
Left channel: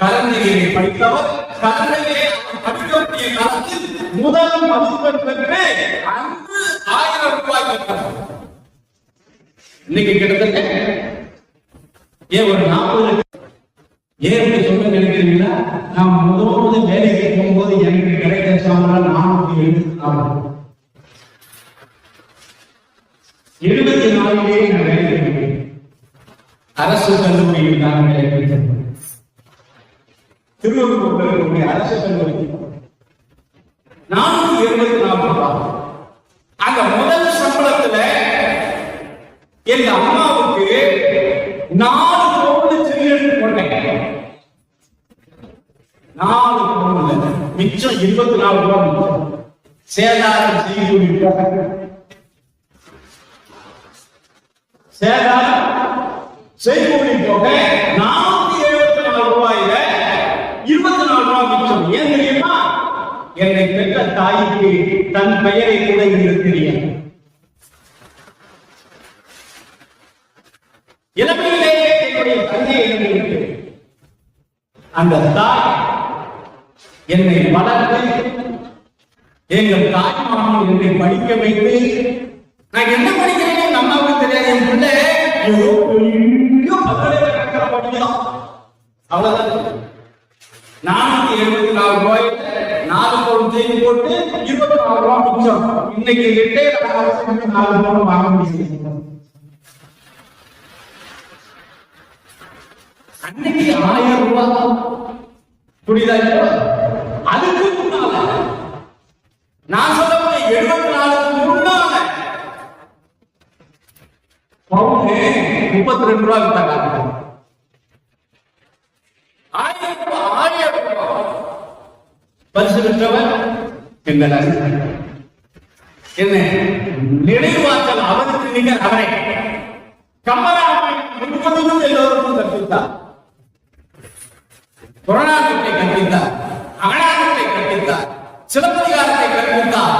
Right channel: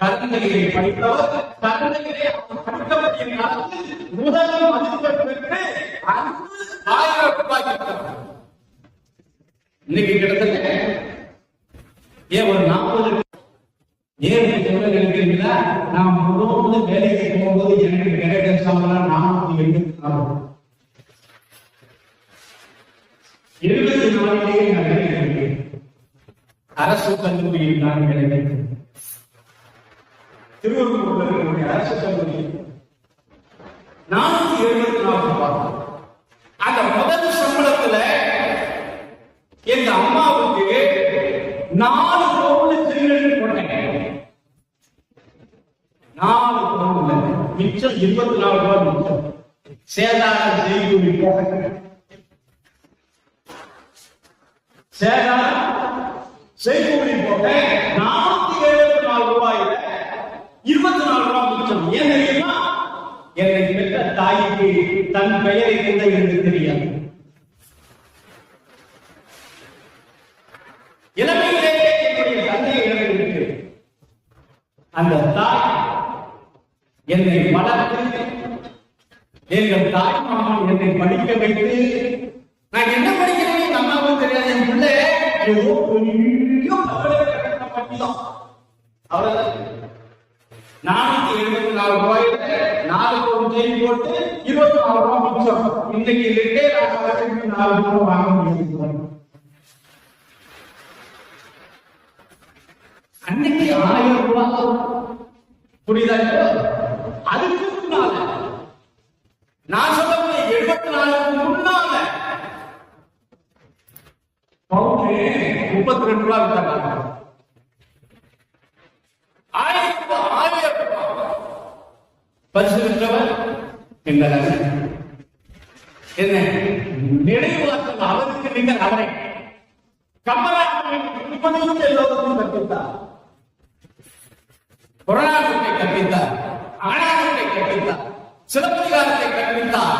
கலந்தையிலே படித்தவர். கலந்தையிலே படிக்கக்கூடிய காலத்தில் முதல் மதிப்பெண் பெற்று அன்று 1000 ரூபாய் பெற்றார். இன்னைக்கு கிட்டத்தட்ட ஒரு 40 ஏன் சொல்ல நினைக்கிறீங்களா? நான் முதல் வேலைக்கு போகும்போது எனக்கு கிடைக்கிற சம்பளம் 474 நான் வேலைக்கு அரசு கல்லூரியில் நான் வேலைக்கு திருவள்ளூர் இருக்கக்கூடிய அரசு கல்லூரி 474 ரூபாய். அந்த முதல் சம்பளத்துல எங்க அம்மாவுக்கு 4 பவுன் சில்லறை போட்டேன். 4 பவுன் மிச்சம் 24 ரூபாய் மிச்சம். சேதாரம் செய்கூலி போக 474 ரூபாயில 24 ரூபாய் மிச்சம். ஏன் தெரியுமா? என்னை பெற்ற தாய்க்கு தன் பெயரை கூட இருக்கிறீர்கள். இளமையிலேயே என்னுடைய தந்தையை இழந்து அந்த தாய் என்னை வளர்த்து எங்கள் தாய் மாமன் என்னை படிக்க வைத்து நான் என்ன படிக்கிறேன்னு எங்க அம்மாவுக்கு தெரியாது. என் பிள்ளை அவ்வளவுதான். 474 ரூபாய் 4 பவுன் செய்தி போட்டு 24 ரூபாய் மிச்சம். இன்னைக்கு ரிட்டையர் ஆகிறதுக்கு 4 பவுன் வாங்க முடியும். அன்னைக்கு 1000 ரூபாய் புரியுதா? அதுக்கு முன்னால நான் சொல்ல 74 முன்னால பவுன் 32 ரூபாய் வித்தாங்க. 1000 ரூபாய் பரிசு பெற்றவர் என்ன நினைவாற்றல் அவருக்கு நீங்க அவரை கமலாமை முழுவதும் எல்லோருக்கும் கற்பித்தார். புறநானூற்றை கற்பித்தார், அகநானூற்றை கற்பித்தார், சிலப்பதிகாரத்தை கற்பித்தார்.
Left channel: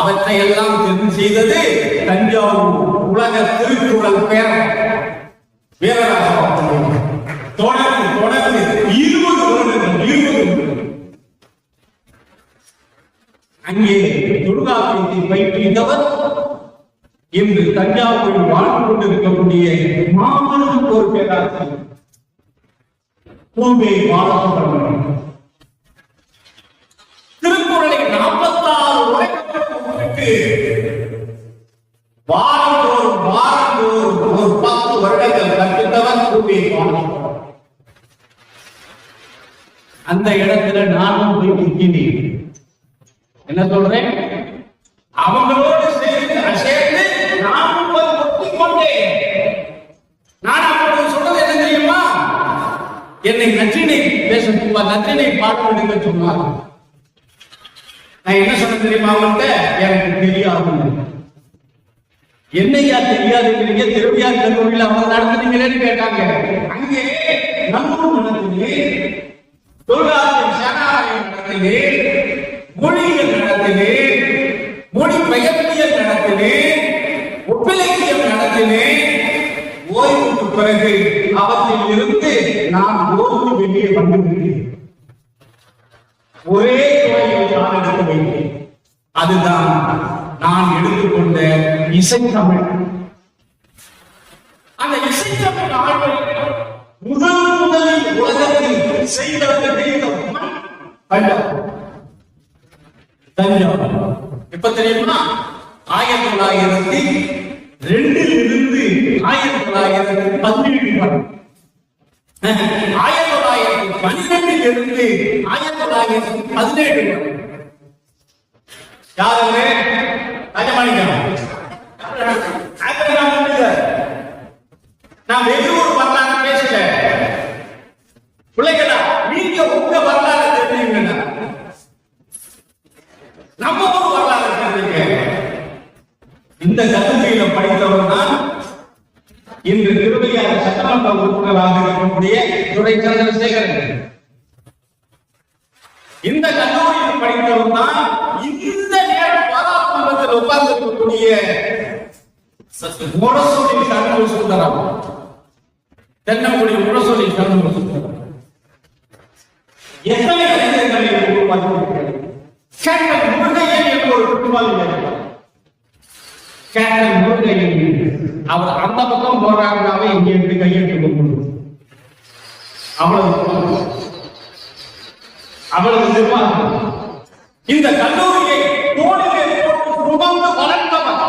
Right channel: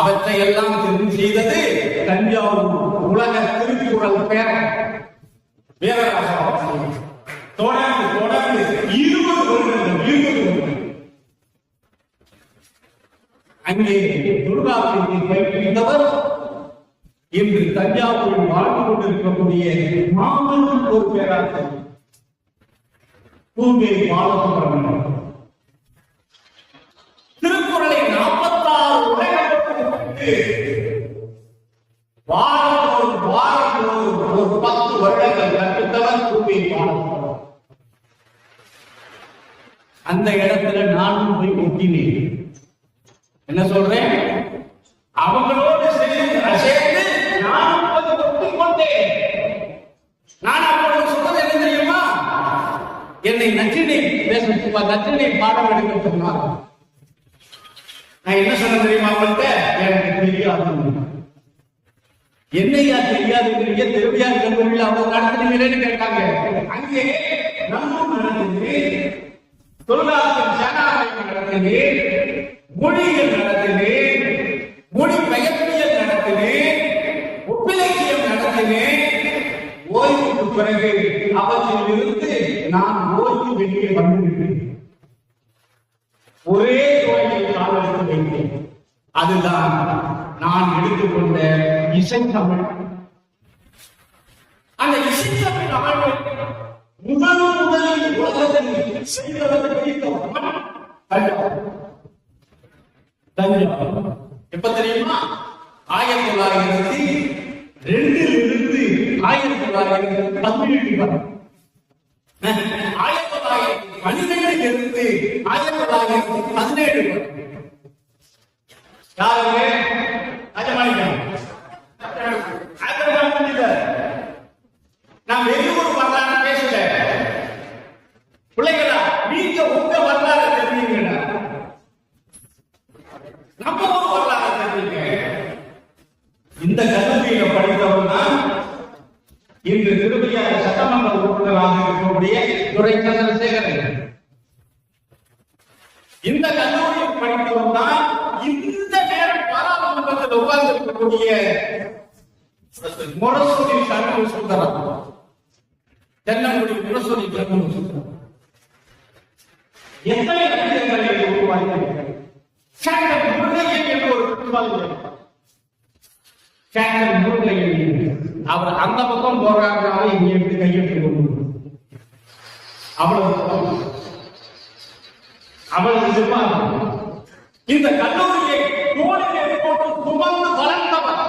அவற்றை எல்லாம் தெரிந்து செய்தது தஞ்சாவூர் உலக திருக்குறள் பேரர் வீரராசன். தொடர்ந்து 20 வருடங்கள் அங்கே தொல்காப்பியத்தை பயிற்றுவித்தவர் இன்று தஞ்சாவூரில் வாழ்ந்து கொண்டிருக்கக்கூடிய மாமனுக்கு ஒரு பேராசிரியர் பூமி பாலசுப்ரமணியம். திருக்குறளை 46 உரைகளுக்கு வாரந்தோறும் ஒரு 10 வருடங்கள் கற்பித்தவர் பூமி பாலசுப்ரமணியம். அந்த இடத்துல நானும் போய் முக்கினேன். என்ன சொல்றேன்? அவங்களோடு சேர்ந்து நானும் ஒட்டிக் கொண்டேன். நான் அப்போது சொன்னது என்ன தெரியுமா? என்னை நச்சினை நச்சினை பாடம் எடுக்க சொன்னார். நான் என்ன சொன்ன தெரியுமா? அவங்கள்ட்ட எனக்கு தெரியாது. என்னையா தெரியாதுங்கிறீங்க? திருவியார் கல்லூரியில் அவங்க நடத்துனீங்களேன்னு கேட்டாங்க. அங்கே நல்லூர் நடத்துது, தொல்காப்பியம் சேனாலயம் நடத்துது, மொழிகள் நடக்குது, மொழி பெயர்ப்பியல் நடக்குது, ஒப்பிலக்கியம் நடக்குது. ஓய்வுக்கு பிறகு அவற்றில் இருந்து நான் ஓய்வு வெளியே வந்துவிட்டேன். ஒரே துறையில் நான் எடுத்து வைத்தேன். அதுதான் நான் எடுத்துக்கொண்ட இசைத்தமிழ். அந்த இசைத்தமிழ் ஆண்டு முதலில் உலகத்தில் செய்தவர்கள் தஞ்சாவூர். இப்ப தெரியுமா? 1902 இருந்து 1917 வரை, 1912 இருந்து 1917 வரை யாருமே நான் எது ஒரு பண்ணாங்க பேசல. படித்தவர் தான் இன்று திருவையாறு சட்டமன்ற உறுப்பினராக இருக்கக்கூடிய துரை சந்திரசேகரன். இந்த கல்லூரியில் படித்தவர் தான் இந்த நேரம் பாராளுமன்றத்தில் உட்கார்ந்திருக்கக்கூடிய முரசொலி சண்முக சுந்தரம், தென்னங்குடி முரசொலி சண்முக சுந்தரம். எத்தனை அறிஞர்களை உருவாக்கியிருக்கிறது. கேப்டன் முருகையன் என்று ஒரு குற்றவாளி இருக்கிறார். கேப்டன் முருகையன் அவர் அந்த பக்கம் போராடுறாங்க, இங்கே இருந்து கையெழுத்து கொண்டு அவ்வளவு நிர்வாகம். இந்த கல்லூரியை தோளிலே போட்டு சுமந்து வளர்ந்தவர்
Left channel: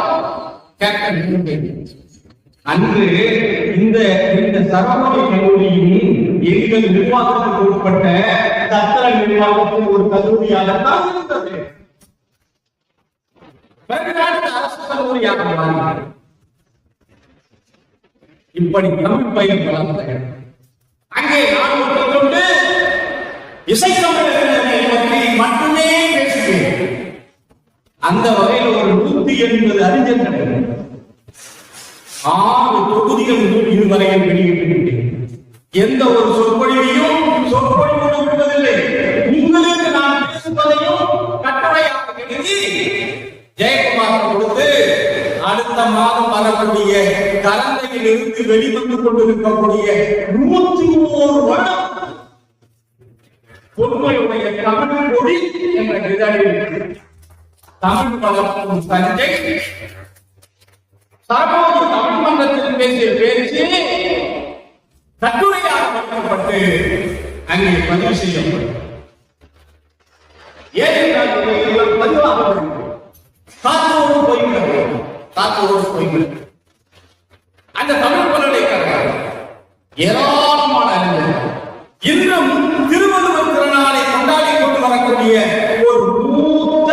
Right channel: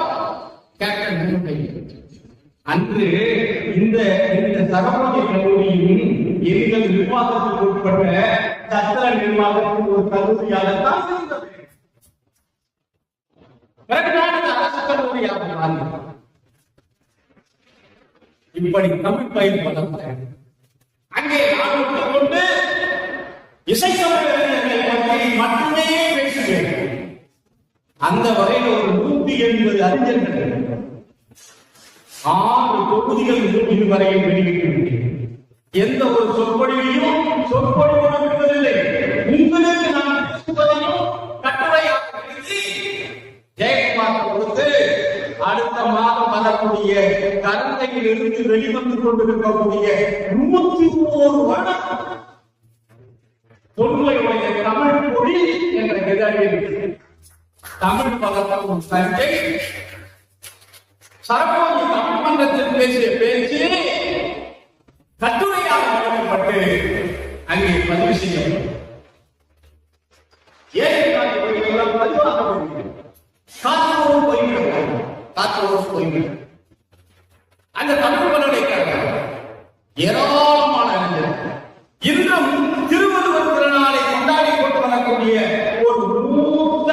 கேப்டன் முருகையன். அன்று இந்த சரவணி கல்லூரியும் எங்கள் நிர்வாகத்துக்கு உட்பட்ட சத்திர நிர்வாகத்தின் ஒரு கல்லூரியாகத்தான் இருந்தது. பிறகு நாடு அரசு கல்லூரியாக மாறினார். இப்படி தமிழ் பயிர் வளர்ந்த அங்கே நான் கொண்டு இசைக்கவிஞர்களை பற்றி மட்டுமே பேசுகிறேன். அந்த வகையில் ஒரு 180 அறிஞர்கள் 6 தொகுதிகள் இதுவரையில் வெளியிட்டிருக்கிறேன். எந்த ஒரு சொற்பொழிவையும் விடுவதில்லை. உங்களுக்கு நான் பேசுவதையும் கட்டுரையாக எழுதி ஜெயக்குமார் கொடுத்து அடுத்த மாதம் வரக்கூடிய கலந்தையில் இருந்து வெளிவந்து கொண்டிருக்கக்கூடிய 101 வருடம் தொன்மையுடைய தமிழ் மொழி என்ற விதழில் தமிழ் வளர்க்கும் தஞ்சை சரபோஜி தமிழ் மன்றத்தில் பேசிய பேச்சு கட்டுரையாக வழங்கப்பட்டு அங்கே பதிவு செய்யப்படும். ஏனென்றால் பதிவாக காத்தோடு போய்கிறது. அந்த தமிழ் பல்கலைக்கழகம் ஏராளமான இன்னும் திருவள்ளுவர் திருநாளை கொண்டாடி கொண்டு வரக்கூடிய ஒரு மூத்த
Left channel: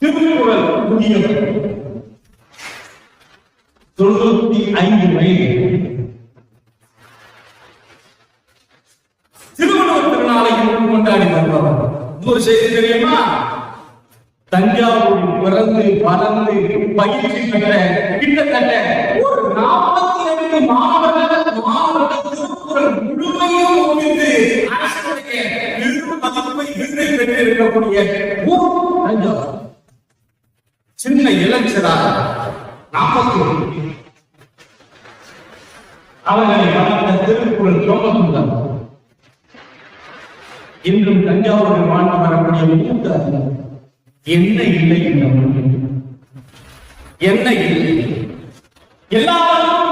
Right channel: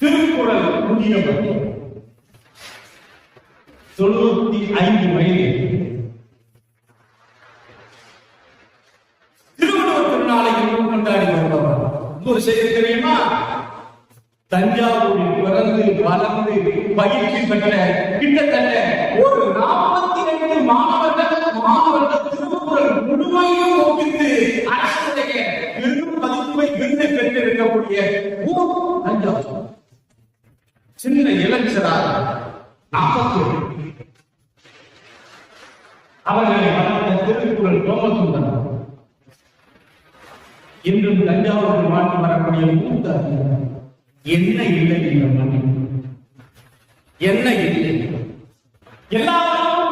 திருக்குறள் முதியவர் 95 வயது திருவள்ளுவர் திருநாளை கொண்டாடி வருபவர். ஒரு செய்தி தெரியுமா? தஞ்சாவூரில் பிறந்து வளர்ந்து பயிற்சி பெற்ற கிட்டத்தட்ட ஒரு 42 மாணவர்கள் திருக்குறள் முழுமையும் ஒப்பித்து அரசுடைய மதிப்பை விருதை பெற்றிருக்கக்கூடிய தஞ்சாவூர். சின்ன இளைஞராக 40 அவர்களை வளர்ந்த திருக்குறள் சோமசுந்தரம் இன்றும் தஞ்சாவூரில் வாழ்ந்து வரக்கூடிய மூத்த என்ன இல்லை இந்த மண்ணில், என்ன இல்லை எல்லாரும்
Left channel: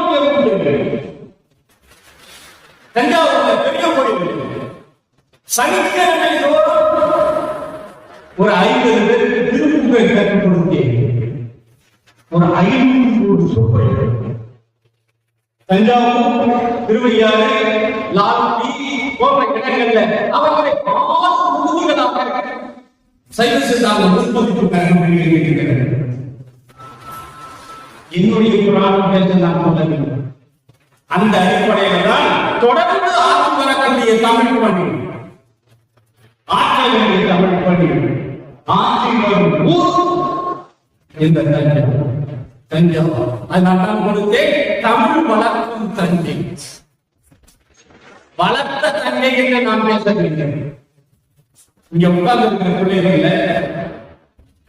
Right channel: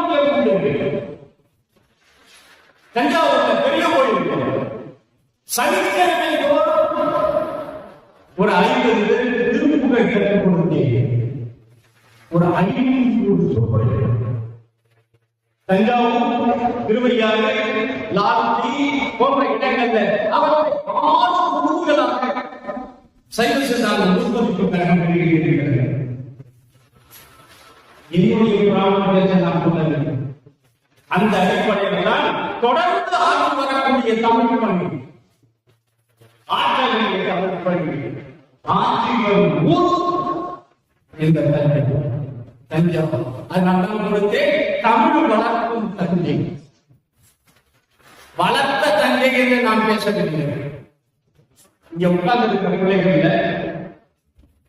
தஞ்சாவூர் பெரிய கோயில் சனிக்கிழமை ஒரு 50 பேருக்கு திருப்புகழ் கற்றுக் கொடுத்தேன். ஒரு 500 சொற்கள் தஞ்சாவூர், திருவையாறு, லால்குடி போன்ற இடங்களில் அவர்களை 6 தொகுதிகளாக சைவ சித்தாந்த முற்பதிப்பு கழகம் வெளியிட்டிருக்கிறது. என்னுடைய புராணம் பேச நான் சொல்லவில்லை. அந்த அடிப்படையில் தான் தொடர்ந்து ஆட்சி வரக்கூடிய தமிழ் பணி, ஆட்சி வேண்டிய தமிழ் பணி, ஆட்சி வரும் ஊர் இந்த தஞ்சாவூர். அதனால் நான் கொடுத்தேன் தமிழ் வளர்க்கும் தஞ்சை. வளர்த்த தஞ்சை என்று நான் பேசவில்லை. இங்க உட்கார்ந்து இருக்கிற பிள்ளைகள்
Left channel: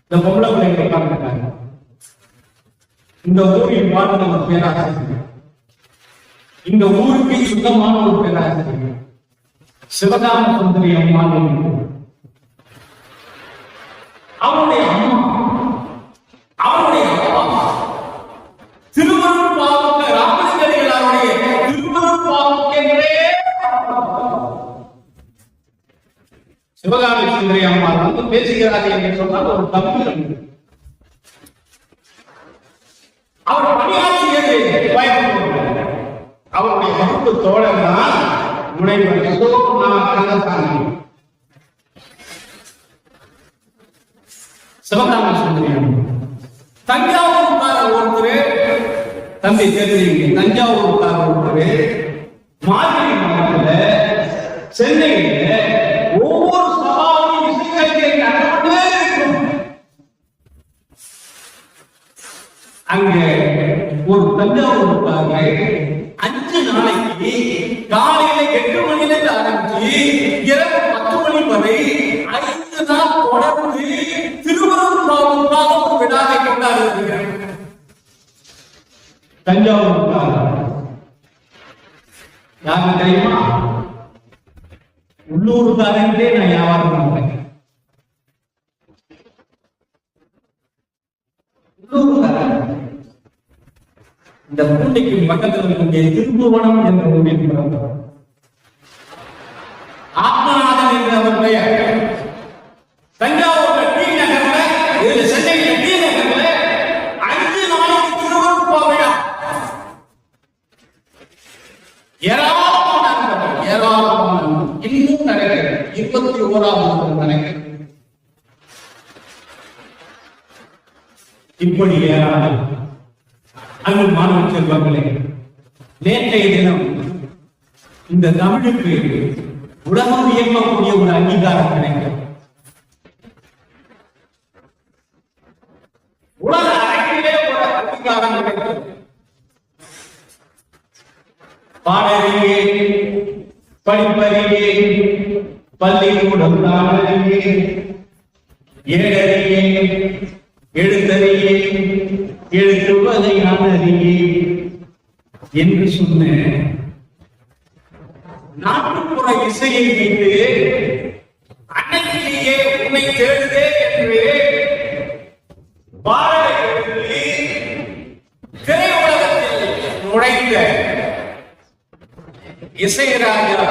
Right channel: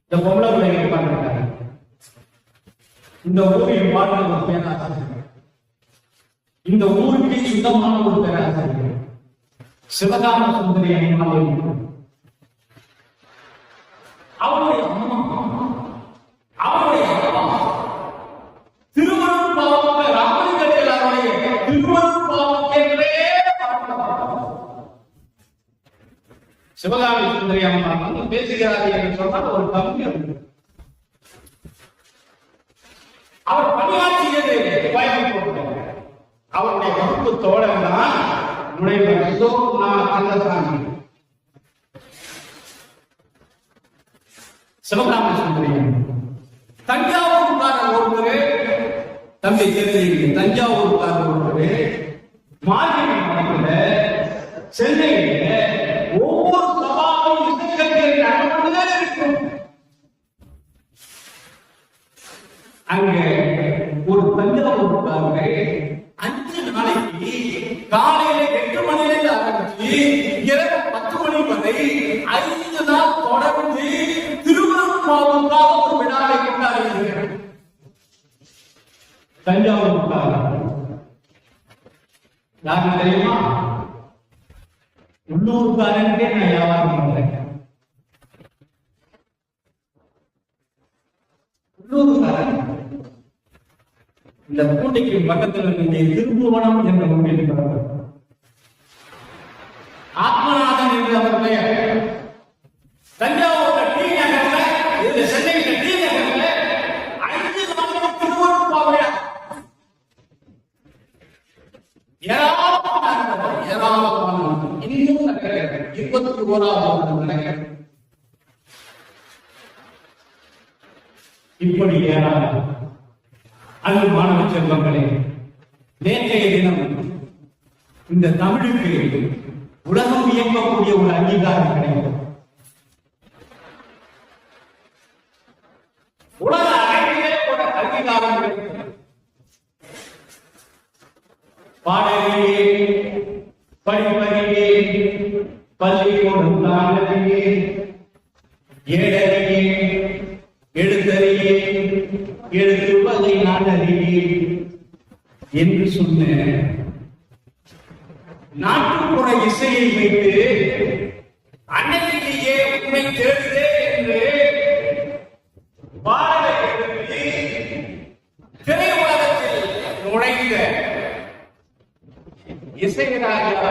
இந்த பொம்பளை பிள்ளைகள் உட்கார்ந்துருக்காங்க. இந்த ஊரில் வாழ்ந்த ஒரு பேராசிரியர், இந்த ஊருக்கு சுத்தமான ஒரு பேராசிரியர் சிவகாம சுந்தரி அம்மா. அவருடைய அம்மா, அவருடைய அப்பா திருவருட்பாவுக்கு ராமலிங்கடிகளாருடைய திருவருட்பாவுக்கென்றே சிவகாமி சுந்தரி அம்மா வந்து பேசுகிறார்கள் என்று சொன்னால் ஒரு தப்பு. அவர் பணியாற்றியது பயன்படுத்த அவருடைய கருத்து தோழர் தான் முனைவர் கந்தசாமி. சிவகாமி சுந்தரி தஞ்சாவூர்கார ஒருத்தர், தந்தை தேர்தலில் தஞ்சாவூர்கார ஒருத்தர் மார்கழி மாதத்தில் சென்னையில் ஒவ்வொரு சபாவும் இசைக்கச்சேரி நடந்தே இருக்கும். அங்க ஒரு தஞ்சாவூருக்காக 5 நாளைக்கு காலையில 8 மணில ஆரம்பிச்சு இரவு 10 மணி வரை 5 நாள் தொடர்ந்து திருவருட்பாவுக்காக ஒரு விழாவை கொண்டாடுகிறார். தஞ்சாவூருக்காக யாரு தெரியுமா? உள்ளூர்காரன்டே நான் வியாபாரம் பண்றேன். உள்ளூர்காரன் இந்த பூண்டைக்கு பக்கத்தில் இருக்கக்கூடிய திருப்புவனம் என்ற ஊரில் பிறந்தார். ஆத்மநாதன் என்ற அவர் பெயர். தஞ்சாவூர் டி நகர்ல, இது சென்னை டி நகர்ல 5 நாளைக்கு திருவருட்பாவை ஏராளமான இன்னும் நடக்கிறது. 21ஆம் ஆண்டு நடக்கிறது. இப்படி ஏராளம். அது மாணவ செல்வங்களே, நேற்றைய தினம் இந்த தமிழுக்கு உலகம் இயக்கக்கூடிய ஒரு அங்கீகாரம் கிடைக்கும். உலக அரங்கிலே ஒரு அங்கீகாரம் கிடைக்கும். பாடறியே, படிப்பறியே, பள்ளிக்கூடம் தானறியே, ஏடறியே, எழுத்தறியே, எழுத்துவதை நாடறியே என்று சொன்ன நாட்டுப்புற இசையை வைத்து அன்னையிலேயே உன்னை தேடுதே என்று பாடலை திரையுலகத்தில் நுழைந்த இசைராஜா,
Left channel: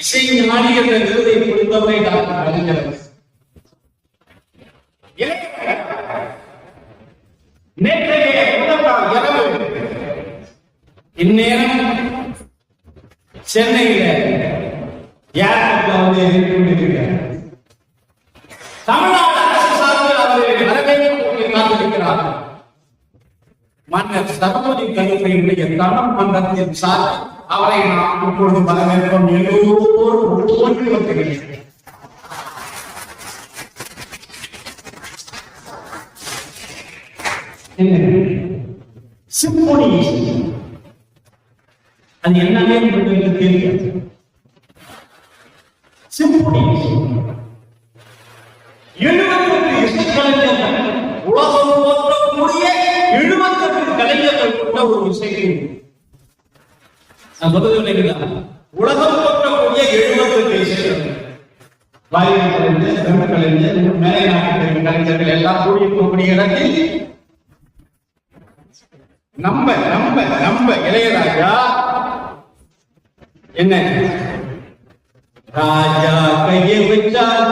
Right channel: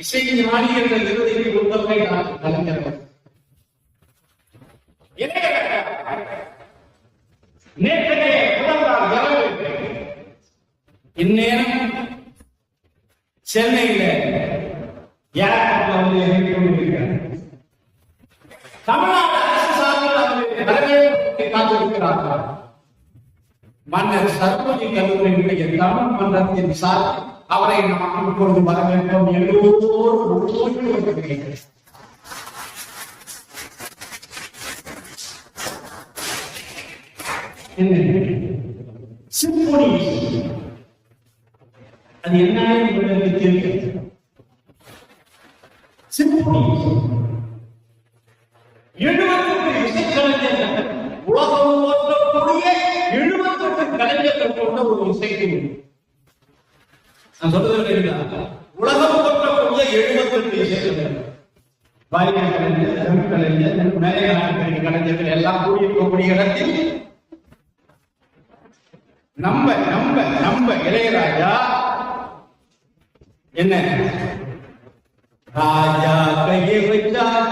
இசைஞானி என்ற விருதை கொடுத்தவரை டாக்டர் கலைஞர். நேற்றைய முதல் இரவு இந்நேரம் சென்னையில ஏர்போர்ட்ல கொண்டிருக்கிறார். தமிழ்நாடு அரசு சார்பில் அவர்களுக்கு வரவேற்பு காத்திருக்கிறார். மன்னர் சர்வமணி கல்லூரியினுடைய தமிழ் மன்றத்தின் சார்பில் அவரை நாம் இப்பொழுது வரவேற்போம். எல்லோரும் ஓடி வருகிறேன். சிம்பொனி அது என்னன்னே உங்களுக்கு தெரியாது. சிம்பொனி 78 இசைக்கலைஞர்கள், உலகம் போற்றக்கூடிய 78 கலைஞர்கள் கொண்ட ஒரு இசை. நான் சொல்றது உலகம் போற்றக்கூடிய 78 இசைக்கலைஞர்கள், வாய்மொழி கலைஞர், தமிழ் கலைஞர், மேலை நாட்டு கலைஞர்கள் எல்லாம் கூடியிருக்கக்கூடிய இடத்தில் நம்ம இளையராஜா என்ன ராஜா கையை வச்சார்,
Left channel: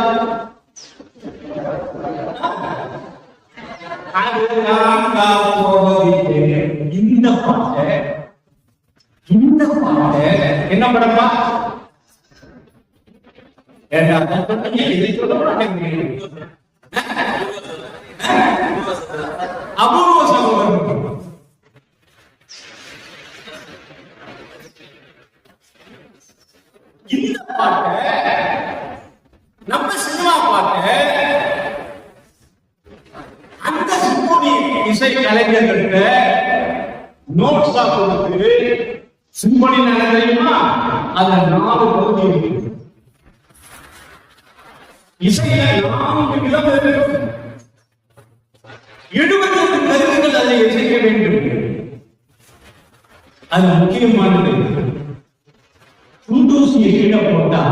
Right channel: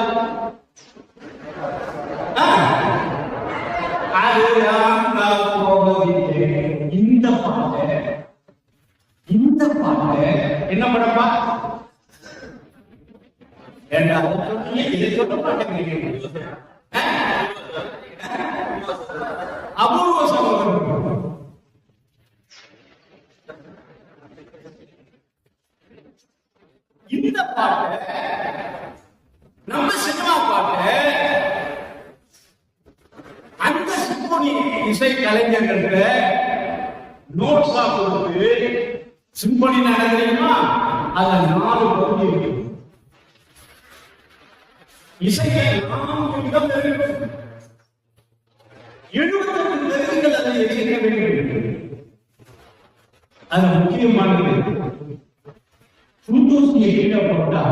இந்த பாட்டு என்ன படமா இதை சொல்ல அபூர்வ சகோதரன். இந்த பாட்டு நம்ம சினிமா பாட்டு அந்த சிம்பொனி இசை கலைஞர்களுக்கு நோட்ஸ் ஆகுது. சிம்பொனி தெரியுமா? அந்த 4 பகுதி இருக்கு. இசையில 4 விதம் இருக்கு. 78 கருவிகள் அதை இசைக்க வேண்டும். அது முக்கியமானது. குண்டூசியை கீழே போட்டா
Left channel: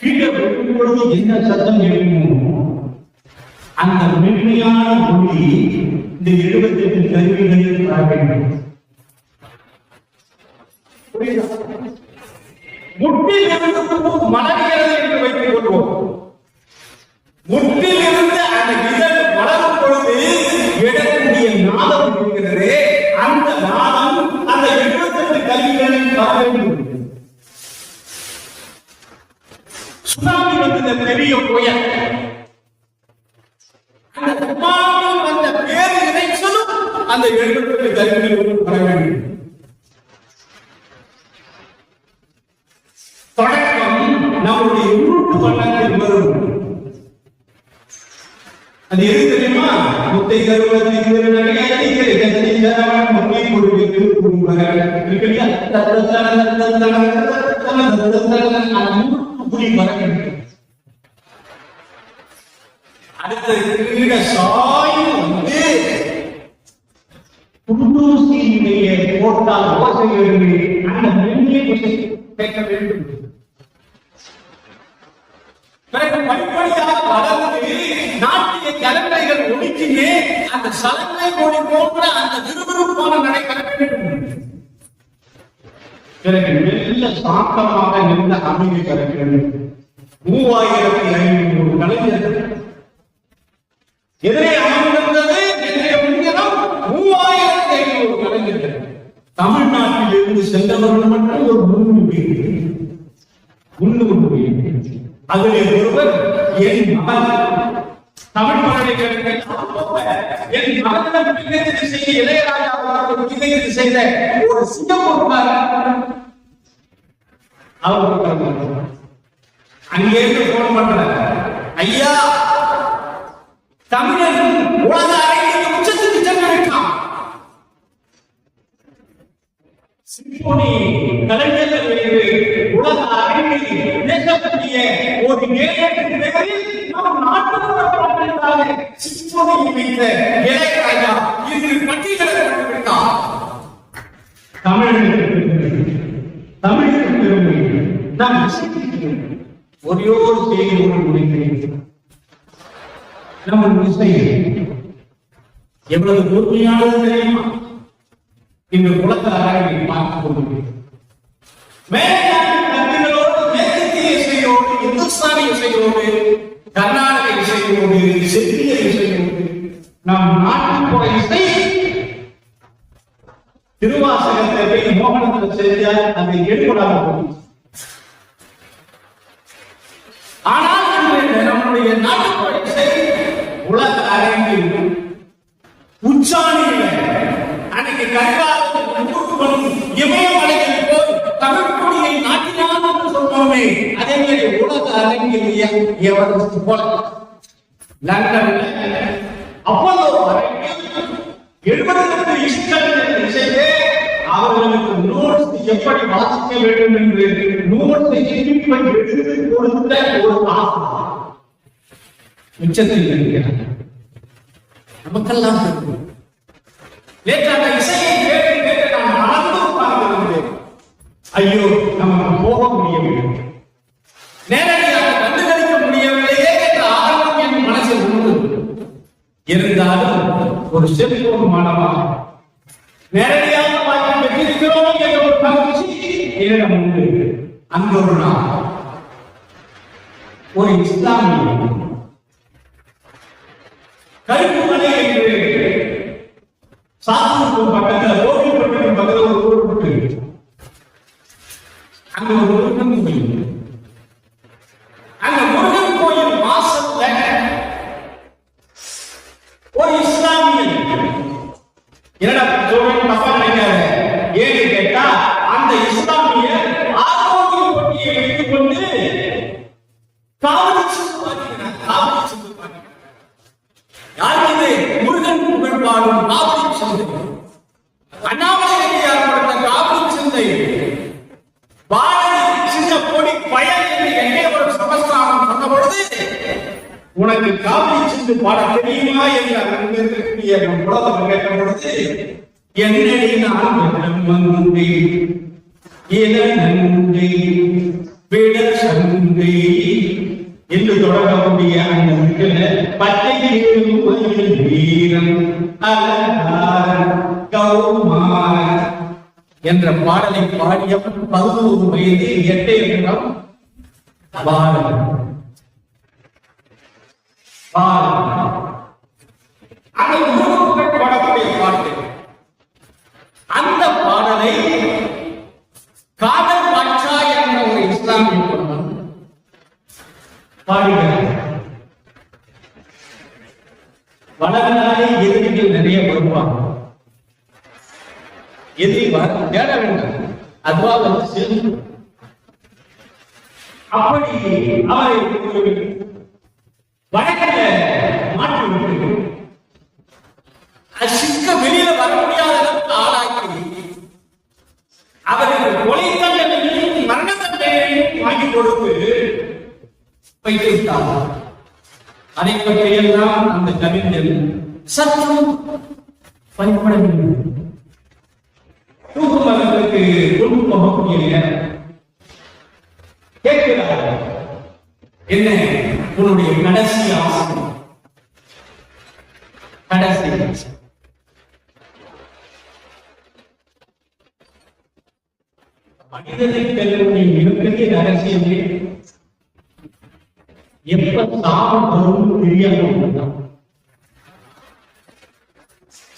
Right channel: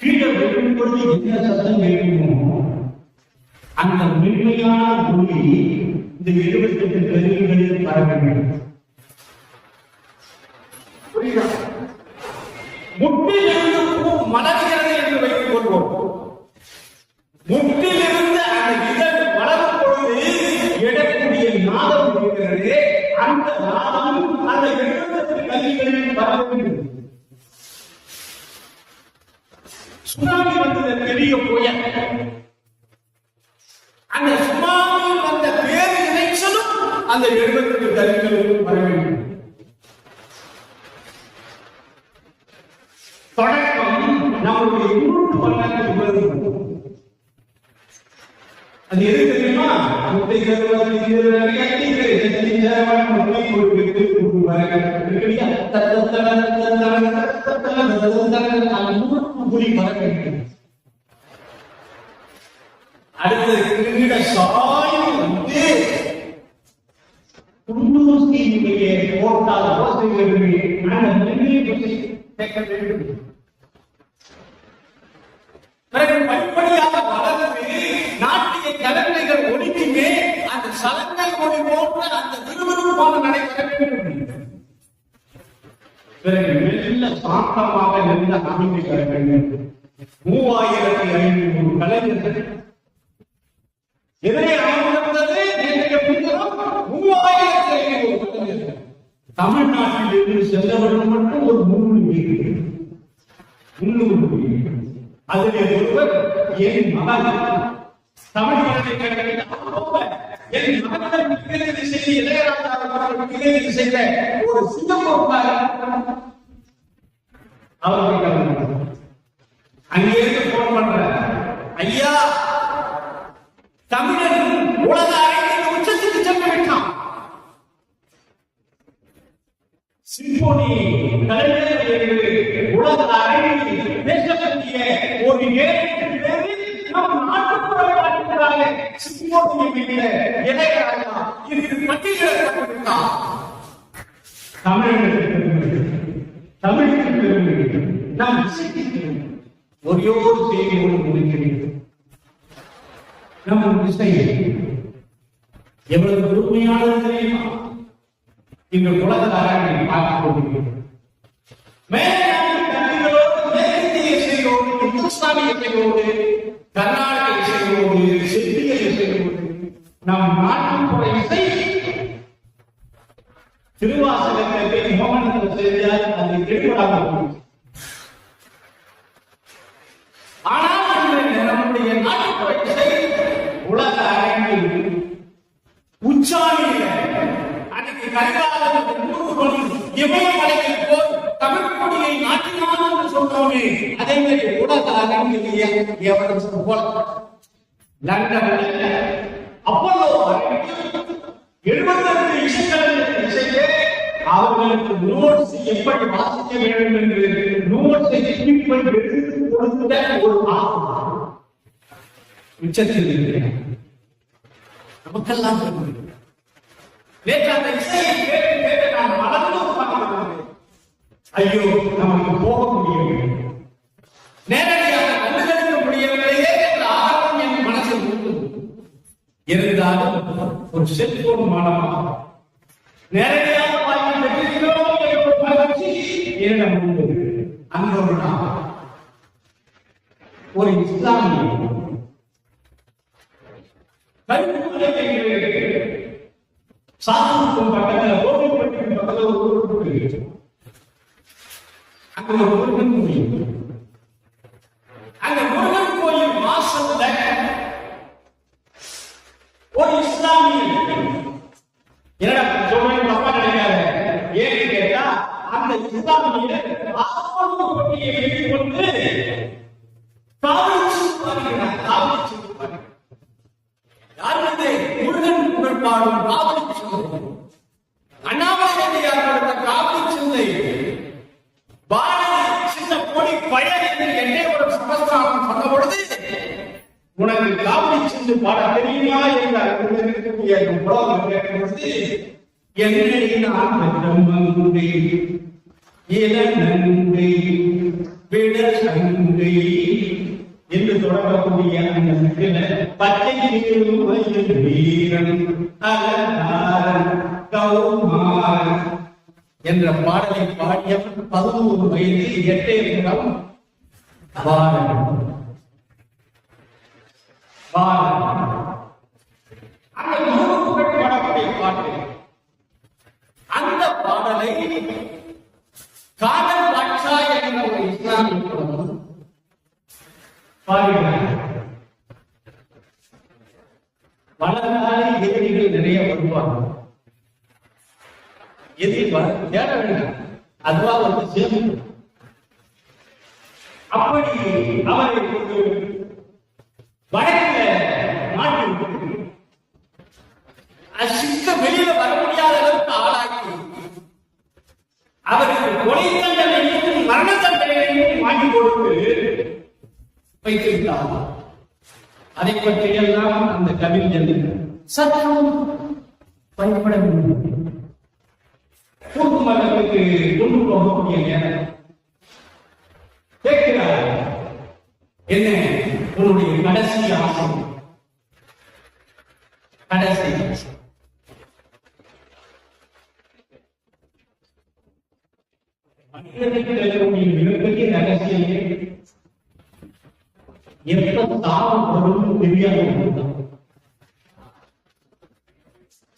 கீழே விடும் பொழுது என்ன சத்தம் கேட்குமோ அந்த மென்மையான ஒளி இந்த 78 கருவிகளில் வர வேண்டும். முட்டில் இருந்து மலர்கிறது என்று வைத்துக் கொள்வோம். முட்டில் இருந்து அந்த இதழ் வளரும் பொழுது எழக்கூடிய நாதம் இருக்கிறது. அந்த நாதம் அந்த 78 கருவிகளில் வர வேண்டும். சுனாமி வந்த பெரிய புயல், அந்த சுனாமி வந்த பேர் இறைச்சலும் அந்த 78 கருவிகளுக்கு வர வேண்டும். தொடக்கம் நம்முடைய உருட்டு வண்ணத்தில் வரும். அது எது தெரியுமா? முத்தை கருவத்தை அடுத்தது கீழ சாயும் வந்து குண்டூசியினுடைய போட்டால் ஓசை எழுதி அந்த மெல்லிய கேட்க வேண்டும். பிறகு படிப்படியாக வளர்ந்து நாட்டிய கலங்கைகள் ஒடுக்கினே அந்த சலங்கை மொழி போன்ற அந்த விறுவிறுப்பான நடைபெற வேண்டும். பிறகு மெல்ல சாந்தமாக நின்ற அமைதி பெற வேண்டும். 3500 கலைஞர்கள் எதிரே அமர்ந்திருந்தது. நேற்றைய முன்தினம் 3500 கலைஞர்கள். தமிழ்நாட்டில் இருந்து சென்றவர்கள் மட்டும் ஒரு 300 பேர். அதிலே ஒருவர் என் மகன் தமிழ் பல்கலைக்கழகத்தில் என் மகன் மிகச்சரி செய்த இளையராஜா மிகச்சரி செய்த ஒரு சிங்கப்பூர்காரர் அவருக்கு அங்கேயிருந்து போன் பண்ற ஐயா தமிழன் உலக அரங்கில் உச்சத்துக்கு சென்று விட்டான். சிம்போனி கலைஞர்கள் உலக அரங்கில் பேசக்கூடிய ஒரு நேரத்தின் பேரில் நம் நாட்டுக்காக சிம்போனியை வைத்த இளையராஜா இன்று பட்டியலை கொண்டு விட்டார். தமிழுக்கு நான் இசைக்கிறேன். ஒரே ஒரு செய்தியோடு முடிக்கிறேன். நம்ம இசை எவ்வளவு பொறுமையானது தெரியுமா? இன்று உலக அரங்கில் பார்த்துக் கொண்டிருக்கிறோம். மேலாண்மை கருவிகளோடு மேற்கத்திய இசையோடு இந்துஸ்தானி இசையோடு கர்நாடக இசையோடு செவ்விய இசையோடு நம் நாட்டுப்புற இசை திருவாசகத்தை மோகனத்தில் செய்தால் அதை எடுப்பதாக போகும். ஆனால் நம்முடைய நாட்டுப்புற இசை உலக அரங்கில் உச்சாணியில் அன்னைக்கு கர்நாடகத்தில் இமயமலையில் போய் தமிழ் கொடியை நாட்டினான் என்று சொன்னோமே, அதே மாதிரி உலக அரங்கில் எவரெஸ்ட் போல லண்டனில் அப்போலோ அரங்கில் 72 இசைக்கலைஞர்கள் இசைத்து அவர்களுக்கு நோட்ஸ் எப்படி வாசிக்க வேண்டும் என்று நோட்ஸை எடுத்து கொடுத்த ஒரு ஆசிரியர் உச்சத்தில் இருக்கிறார். நமக்கெல்லாம் நேற்று அந்த இசையை கேட்டு நான் மறந்து உட்கார்ந்திருந்தேன். ஐயோ நமக்கு போக முடியவில்லை, நேரடியாக கண்டுகளிக்க முடியவில்லையே என்ற ஆர்வம் என் மனசில் உண்டு. இருந்தாலும் ஒரு செல்போன் மாணவன் நேரடியாக பெற்றிருக்கிறோம் என்ற ஒரு பயிற்சி என்னிடம் உண்டு. அங்கு ஒரு நாள் ஒரு இஸ்லாமிய கருப்பு மலை என்று சாத்தூருக்கும் பக்கத்தில் கோவில்பட்டிக்கும் பக்கத்தில் ஒரு ஊர் இருக்கு. அங்க ஒரு முருகன் கோயில். அந்த முருகன் கோயில் வாசல்ல ஒரு இஸ்லாமிய என்னடா சொல்றேன் தப்பா கிடையாது. ஏன்னு கேட்டா அந்த இஸ்லாமிய ஆரோக்கிய பொட்டியை வைத்துக் கொண்டு காவல் சுற்றுவார்கள். யார் இது? முருகன் புகழ் பாடும் காவலி சந்தை. அண்ணாமலை ஏற்பட்ட காவலி சந்தை பாரதி சின்ன பொடி பயன் என்று என்னே ஒரு சமஸ்தானம் சொன்ன பொழுது உனக்கு காவலி சிந்து பாட தெரியுமா என்று இருக்கக்கூடிய புலவர் கேட்ட பொழுது என்னடி நான் மந்தை இளநந்தை விட சந்தை என்று தொடங்கக்கூடிய அந்த முக்கிய பச்சை வீரன் அலங்கார் கௌமார் என்ற பாடலை பாடிய 11 வயது 8 நிமிடம் பாடக்கூடிய பாட்டு. அந்த பாடலை காதல் பாட்சா என்ற ஒரு இஸ்லாமிய பெண்மணி பாடுகிறார். வளர்ந்தாலே எதிரிகள் நிறைய வருவாங்க. எதிரி தேட வேண்டும், அதுவா வந்து சேரும். அப்படி அவரை வடக்கில் மாற்றி விட்டு வெளியில வர முடியாத அளவுக்கு ஆளாக்கி அவருக்கு கொலை தண்டனையும் மரண தண்டனையும் வாங்கி கொடுத்து வைத்து விட்டார். அதை பற்றியெல்லாம் அந்த கவிஞர் சற்றும் பயப்படவில்லை. தூக்கு மரத்துக்கு கொண்டு போகக்கூடிய கேட்கிறார், என்ன உன்னுடைய கடைசி ஆசை? கடைசி மனிதனுடைய மிகப்பெரிய ரகசியமே எப்ப சாவு வரும் தெரியாம,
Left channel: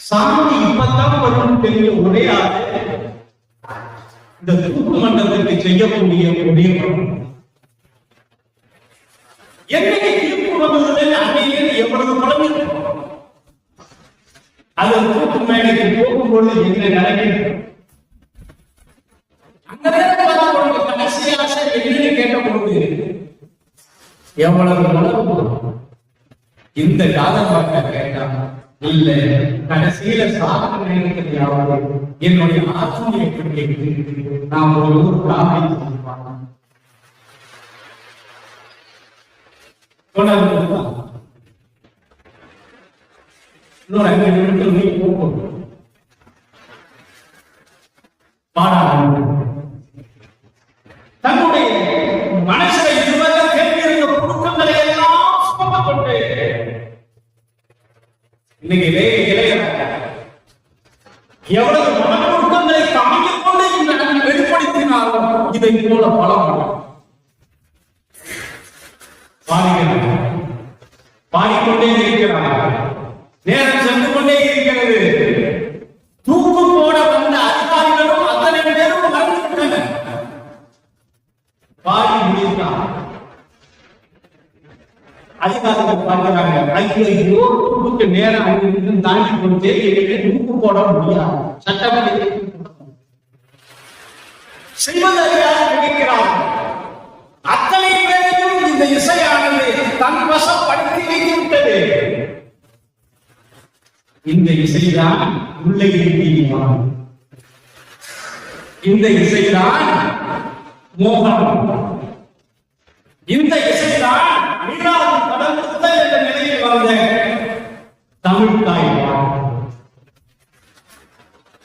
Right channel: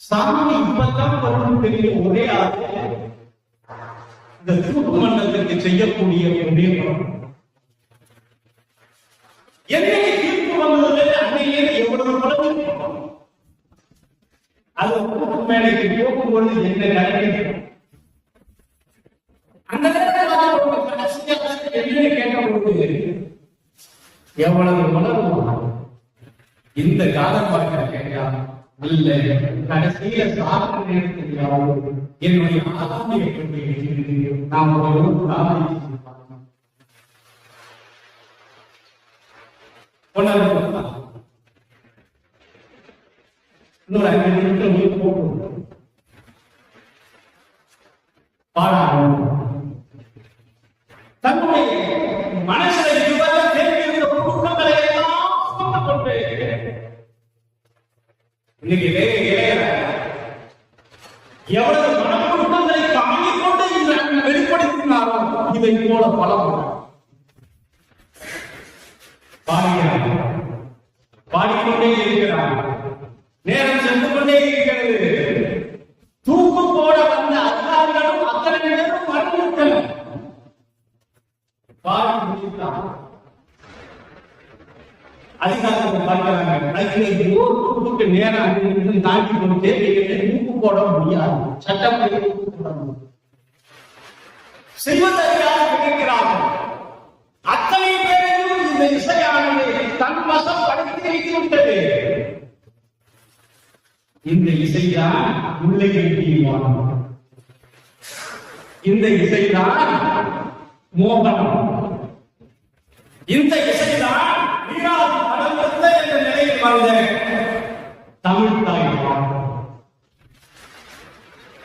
சாமி இப்பதான் வரும் தெரிஞ்ச ஒரே ஆளு இந்த தூக்கு மண்டலத்துக்கு செய்யக்கூடிய முடிவு. என்னைக்கு தீர்ப்பு வந்தது அன்னையிலே எவ்வளவு குழந்தை அது தூக்கு மேடைக்கு போகும்பொழுது என்ன நடக்கிறது? அந்த நேரத்தில் கடைசி ஆசை என்னன்னு கேட்டபோது எவ்வளவு உணர்வு இந்த காதல் வாக்க கேட்டார். இல்ல, கடைசியில சாப்பிட்ட நேரத்தில் என்னுடைய ஆத்மியை பற்றி நான் ஒரு காதை இன்னொரு 5 நிமிஷம் நீ போகும் தன்னுடைய மனசில இதுவரை தெரிந்திருந்த புழுக்கங்களை எல்லாம் சுமக்கப்பட்டு இன்னைக்கு எவ்வளவு மனப்புழுக்கங்களை தாங்கிக் கொண்டு இந்த வெளிப்படுத்தினாலும் இதை போல பலம் பாடிக்கொண்டே இருக்கிறார். நேரம் சென்று கொண்டே இருக்கிறது. தூக்கு போட வந்த அதிகாரிகளும் அத்தனை பேரும் மறந்துவிட்டனர். பாடி முடித்தார். அதிகாரிகள் பார்க்கிறாங்க, கையிலையோ தூக்கு நேரம் அங்கிருந்து தாண்டி கொண்டே தூக்கு போட முடியாது. சட்டப்படி தூக்கு போட முடியாது. செய்வதற்காக கேட்கிறார்கள். அத்தனை பேரையும் இந்த இசையானது தன் வசப்படுத்தி வைத்து விட்டது. இந்த இசைதான் உள்ளே தீர்மானம். இந்த இசைதான் மோகனம். இந்த இசைதான் மீராது கடந்த என்ற நிலையில் வந்த தமிழ் தாய்.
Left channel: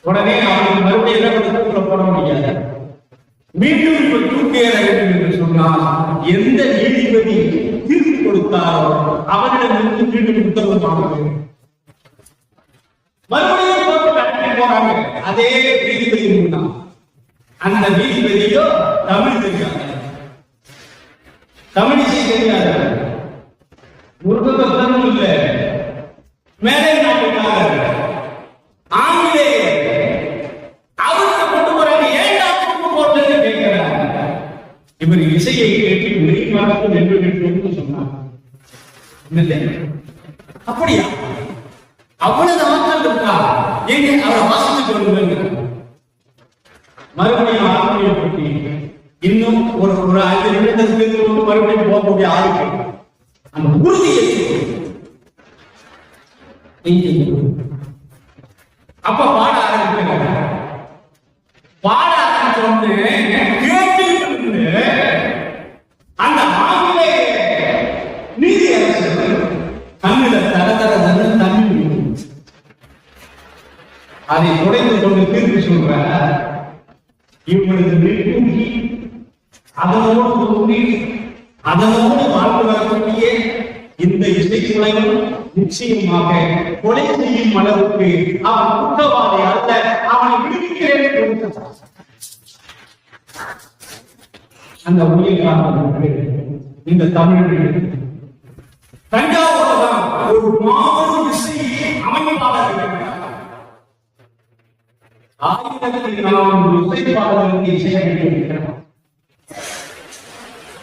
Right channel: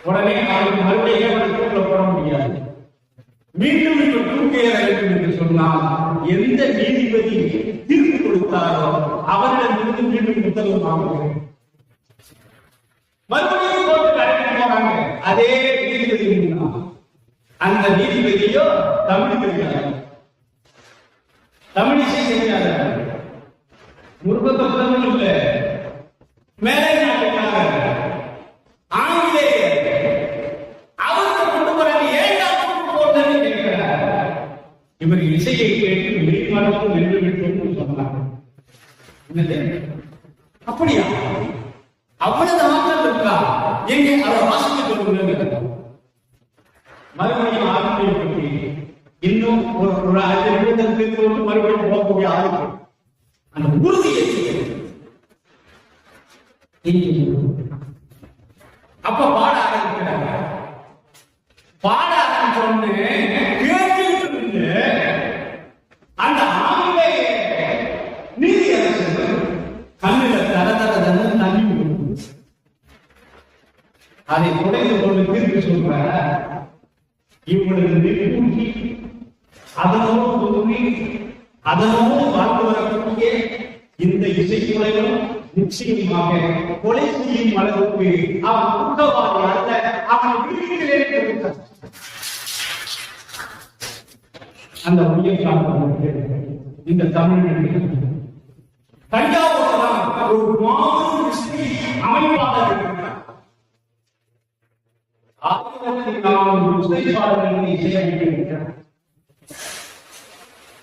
உடனே அவர்கள் மறுபடியும் போட முடியாது. மீண்டும் தூக்கியற வேண்டும் என்று சொன்னால் எந்த நீதிபதி தீர்ப்பு கொடுத்தாரோ அவரிடம் மீண்டும் உத்தரவு வாங்க வேண்டும். மறுபடியும் போட்டு கடத்தி போறாங்க. அதே நீதிபதி முன்னாள் அந்த நீதிபதியோ தமிழ் தெரியாது, தமிழ் இசை தெரியாது, முருகத்தனம் இல்ல, மேலே நாட்டுக்காரர் ஆங்கிலேயர் அவருக்கு கொண்டு போறாங்க. ஏண்டா கொண்டு போட்டது கேட்கிறார். இவர் இசையை கேட்டு வெளிமாறத்து வென்று விட்டு சொன்னார். அப்படியா? அவ்வளவு ஆட்கள் இருக்கா? எங்க அதை வாசிச்சுட்டு வந்து மறுபடியும் ஆத்மியை பற்றி இன்னும் ஒரு 5 நிமிடத்துக்கு மறுபடியும் போகக்கூடிய ஆளுக்கு அந்த உறுதியை அப்ப பாட ஆரம்பிக்கிறாங்க. பாட ஆரம்பிச்சோன்னு கேட்டு அந்த ஆங்கிலேய நீதி அரசு கண்ணில தர தண்ணி அதை துடைந்து கொண்டு தீர்ப்பு சொல்ற இவங்களது நெருங்கி அதனோடு பொருந்தி அதனோடு வாழ்ந்து வரக்கூடிய இந்த இசைக்குலையும் நிச்சயமாக கொலை செய்யும் அளவுக்கு அவன் குற்றவாளி அல்ல, அவனை விடுவிக்கிறேன் கொடுத்த அந்த உயிர்காலம் இந்த தமிழ் தஞ்சாவூர் ஒரு மாபெரும் இசை அமைப்பாளர் இருக்கிறார். 1400 இசைப்பாளர்களுக்கு இசையமைக்கிறார்.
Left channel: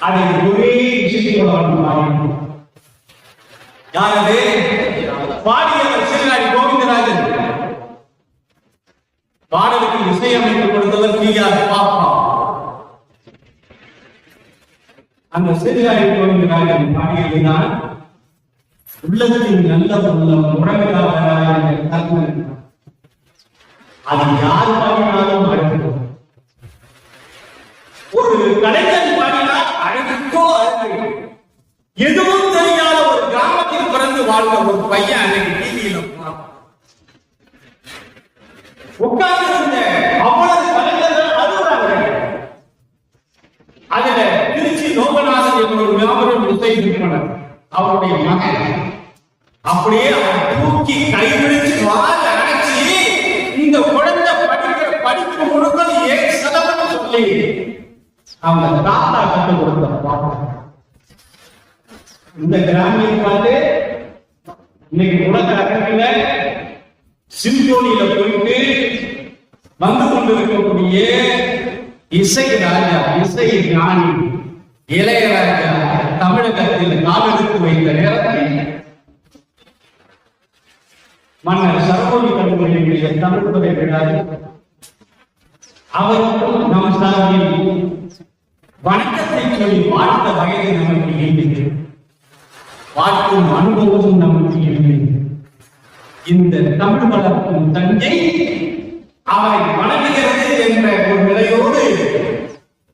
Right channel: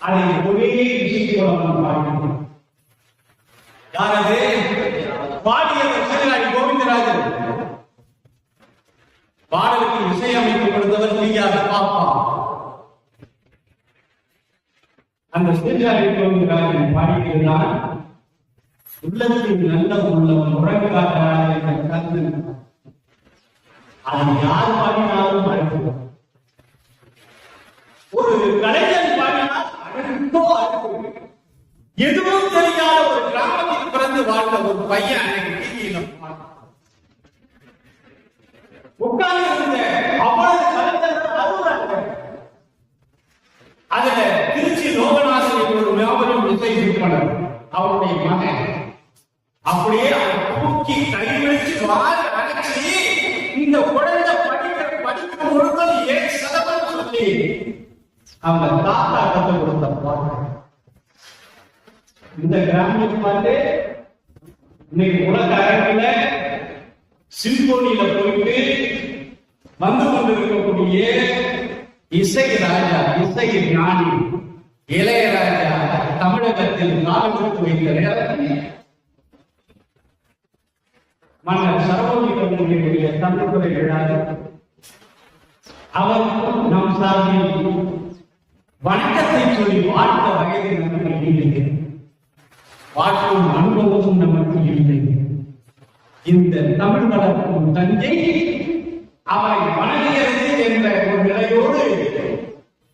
அதை ஒரே இசைக்குழுவான் பாடினார். யாரது? பாடியவர் சிவனாடி கோவிந்தராஜன். பாடலுக்கு இசையமைத்துக் கொடுத்தவர் பிஆர் பாப்பா. அந்த சிறுகாடி கோவிந்தராஜன் பாடியதுதான் உள்ளத்தின் நல்ல உள்ளம் முழங்காக கல்வி. அது யார் பாடினாலும் அழகு. ஒரு கலைஞர் பாடினால் அழகுக்கோ அழகு. எதுவும் தெரியாத ஒரு கிராமத்தில் பிறந்து வாழ்ந்த ஒரு பையன் அன்னைக்கு டிவியில உட்கார்ந்து இருந்த அவ்வளவு கலைஞர்கள் அழுகுறாங்க. அதுல திருச்சி லோகநாதன் என்ற ஒரு மாபெரும் இசை நிறுவனர் அவருடைய மகன் அப்படியே தூக்கி கைவிழிச்சு வாழ அடைச்சி இந்த குழந்தை படிக்கிற முழுக்க ஏன் சதவீதம் சொல்லி அவங்க தாத்தா கண்டு கொடுத்த பாட்டு. இந்த கிராமிய பாட்டு இன்னைக்கு உலக அரங்கில சிம்போனியில போயிட்டு வந்து கொண்டிருக்கக்கூடிய இசை ராஜா, இசை ஞானி இளையராஜா தமிழகத்தில் காலெடுத்து வைத்த நேரத்தில் மன்னர் சரபோஜி கண்மணியுடைய தமிழ்துறை விழாவில் அவருக்கும் நம் சார்பில் வணக்கத்தை சொல்லி வாழ்த்த வயது நமக்கு இல்லை, வாழ்க்கும் அனுபவமும் நமக்கு இல்லை. இந்த தமிழ் வளர்க்கும் தஞ்சை அவை வணங்குகிறது என்ற ஒரு நிலையோடு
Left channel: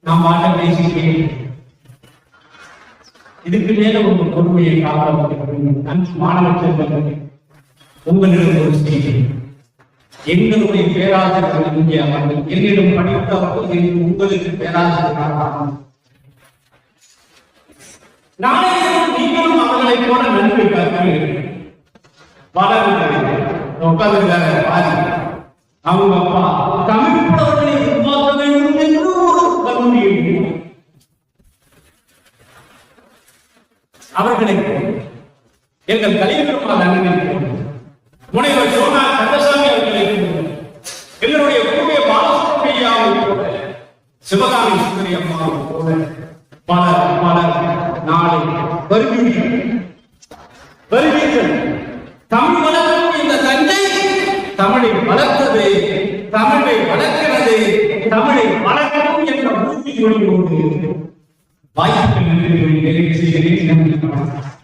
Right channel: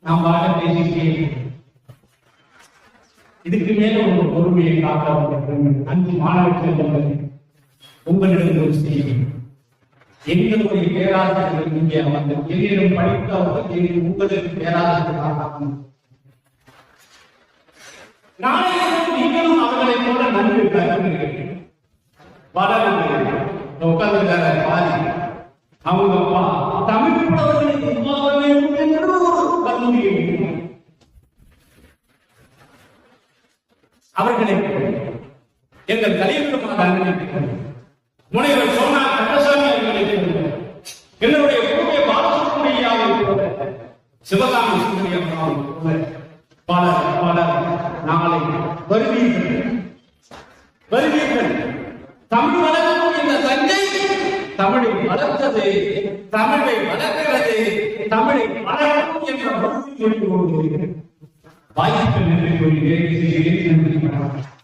நாம் வாழ பேசுகிறேன். இதுக்கு மேல ஒரு பொறுமையை காப்பாற்ற அஞ்சு மாணவ செல்வங்கள் உங்களிடம் ஒரு செய்தி. எங்களுடைய பேராசிரியர்கள் இங்கே அவர்கள் என்னிடம் படித்தவர்கள் உங்களுக்கு பேராசிரியர் நாளையும் நீங்களும் அவர்களை போல நன்மை கற்று வளர்ந்து பாதி அவங்க அப்பா தமிழ் புலவர்களை உருவாக்க வேண்டும் என்று ஒரு கல்லூரியை அவர்களை எங்கள் கலியபெருமாள் அண்ணனை முனைவர் சோனா கந்தசாமி அவர்களை எங்களுடைய பூர்வ பாலசுப்ரமணியாவை போல சிவகாமி சுந்தரி அம்மாவை போல பலர் நாளை வருவீர்கள். தமிழ் வளர்க்கும் இந்த தஞ்சை தமிழை வளர்த்தது, தமிழை வளர்க்கிறது, தமிழை வளர்க்கும் என்ற உறுதிமொழியோடு வாய்ப்புகள் நன்றி செய்கிறேன்.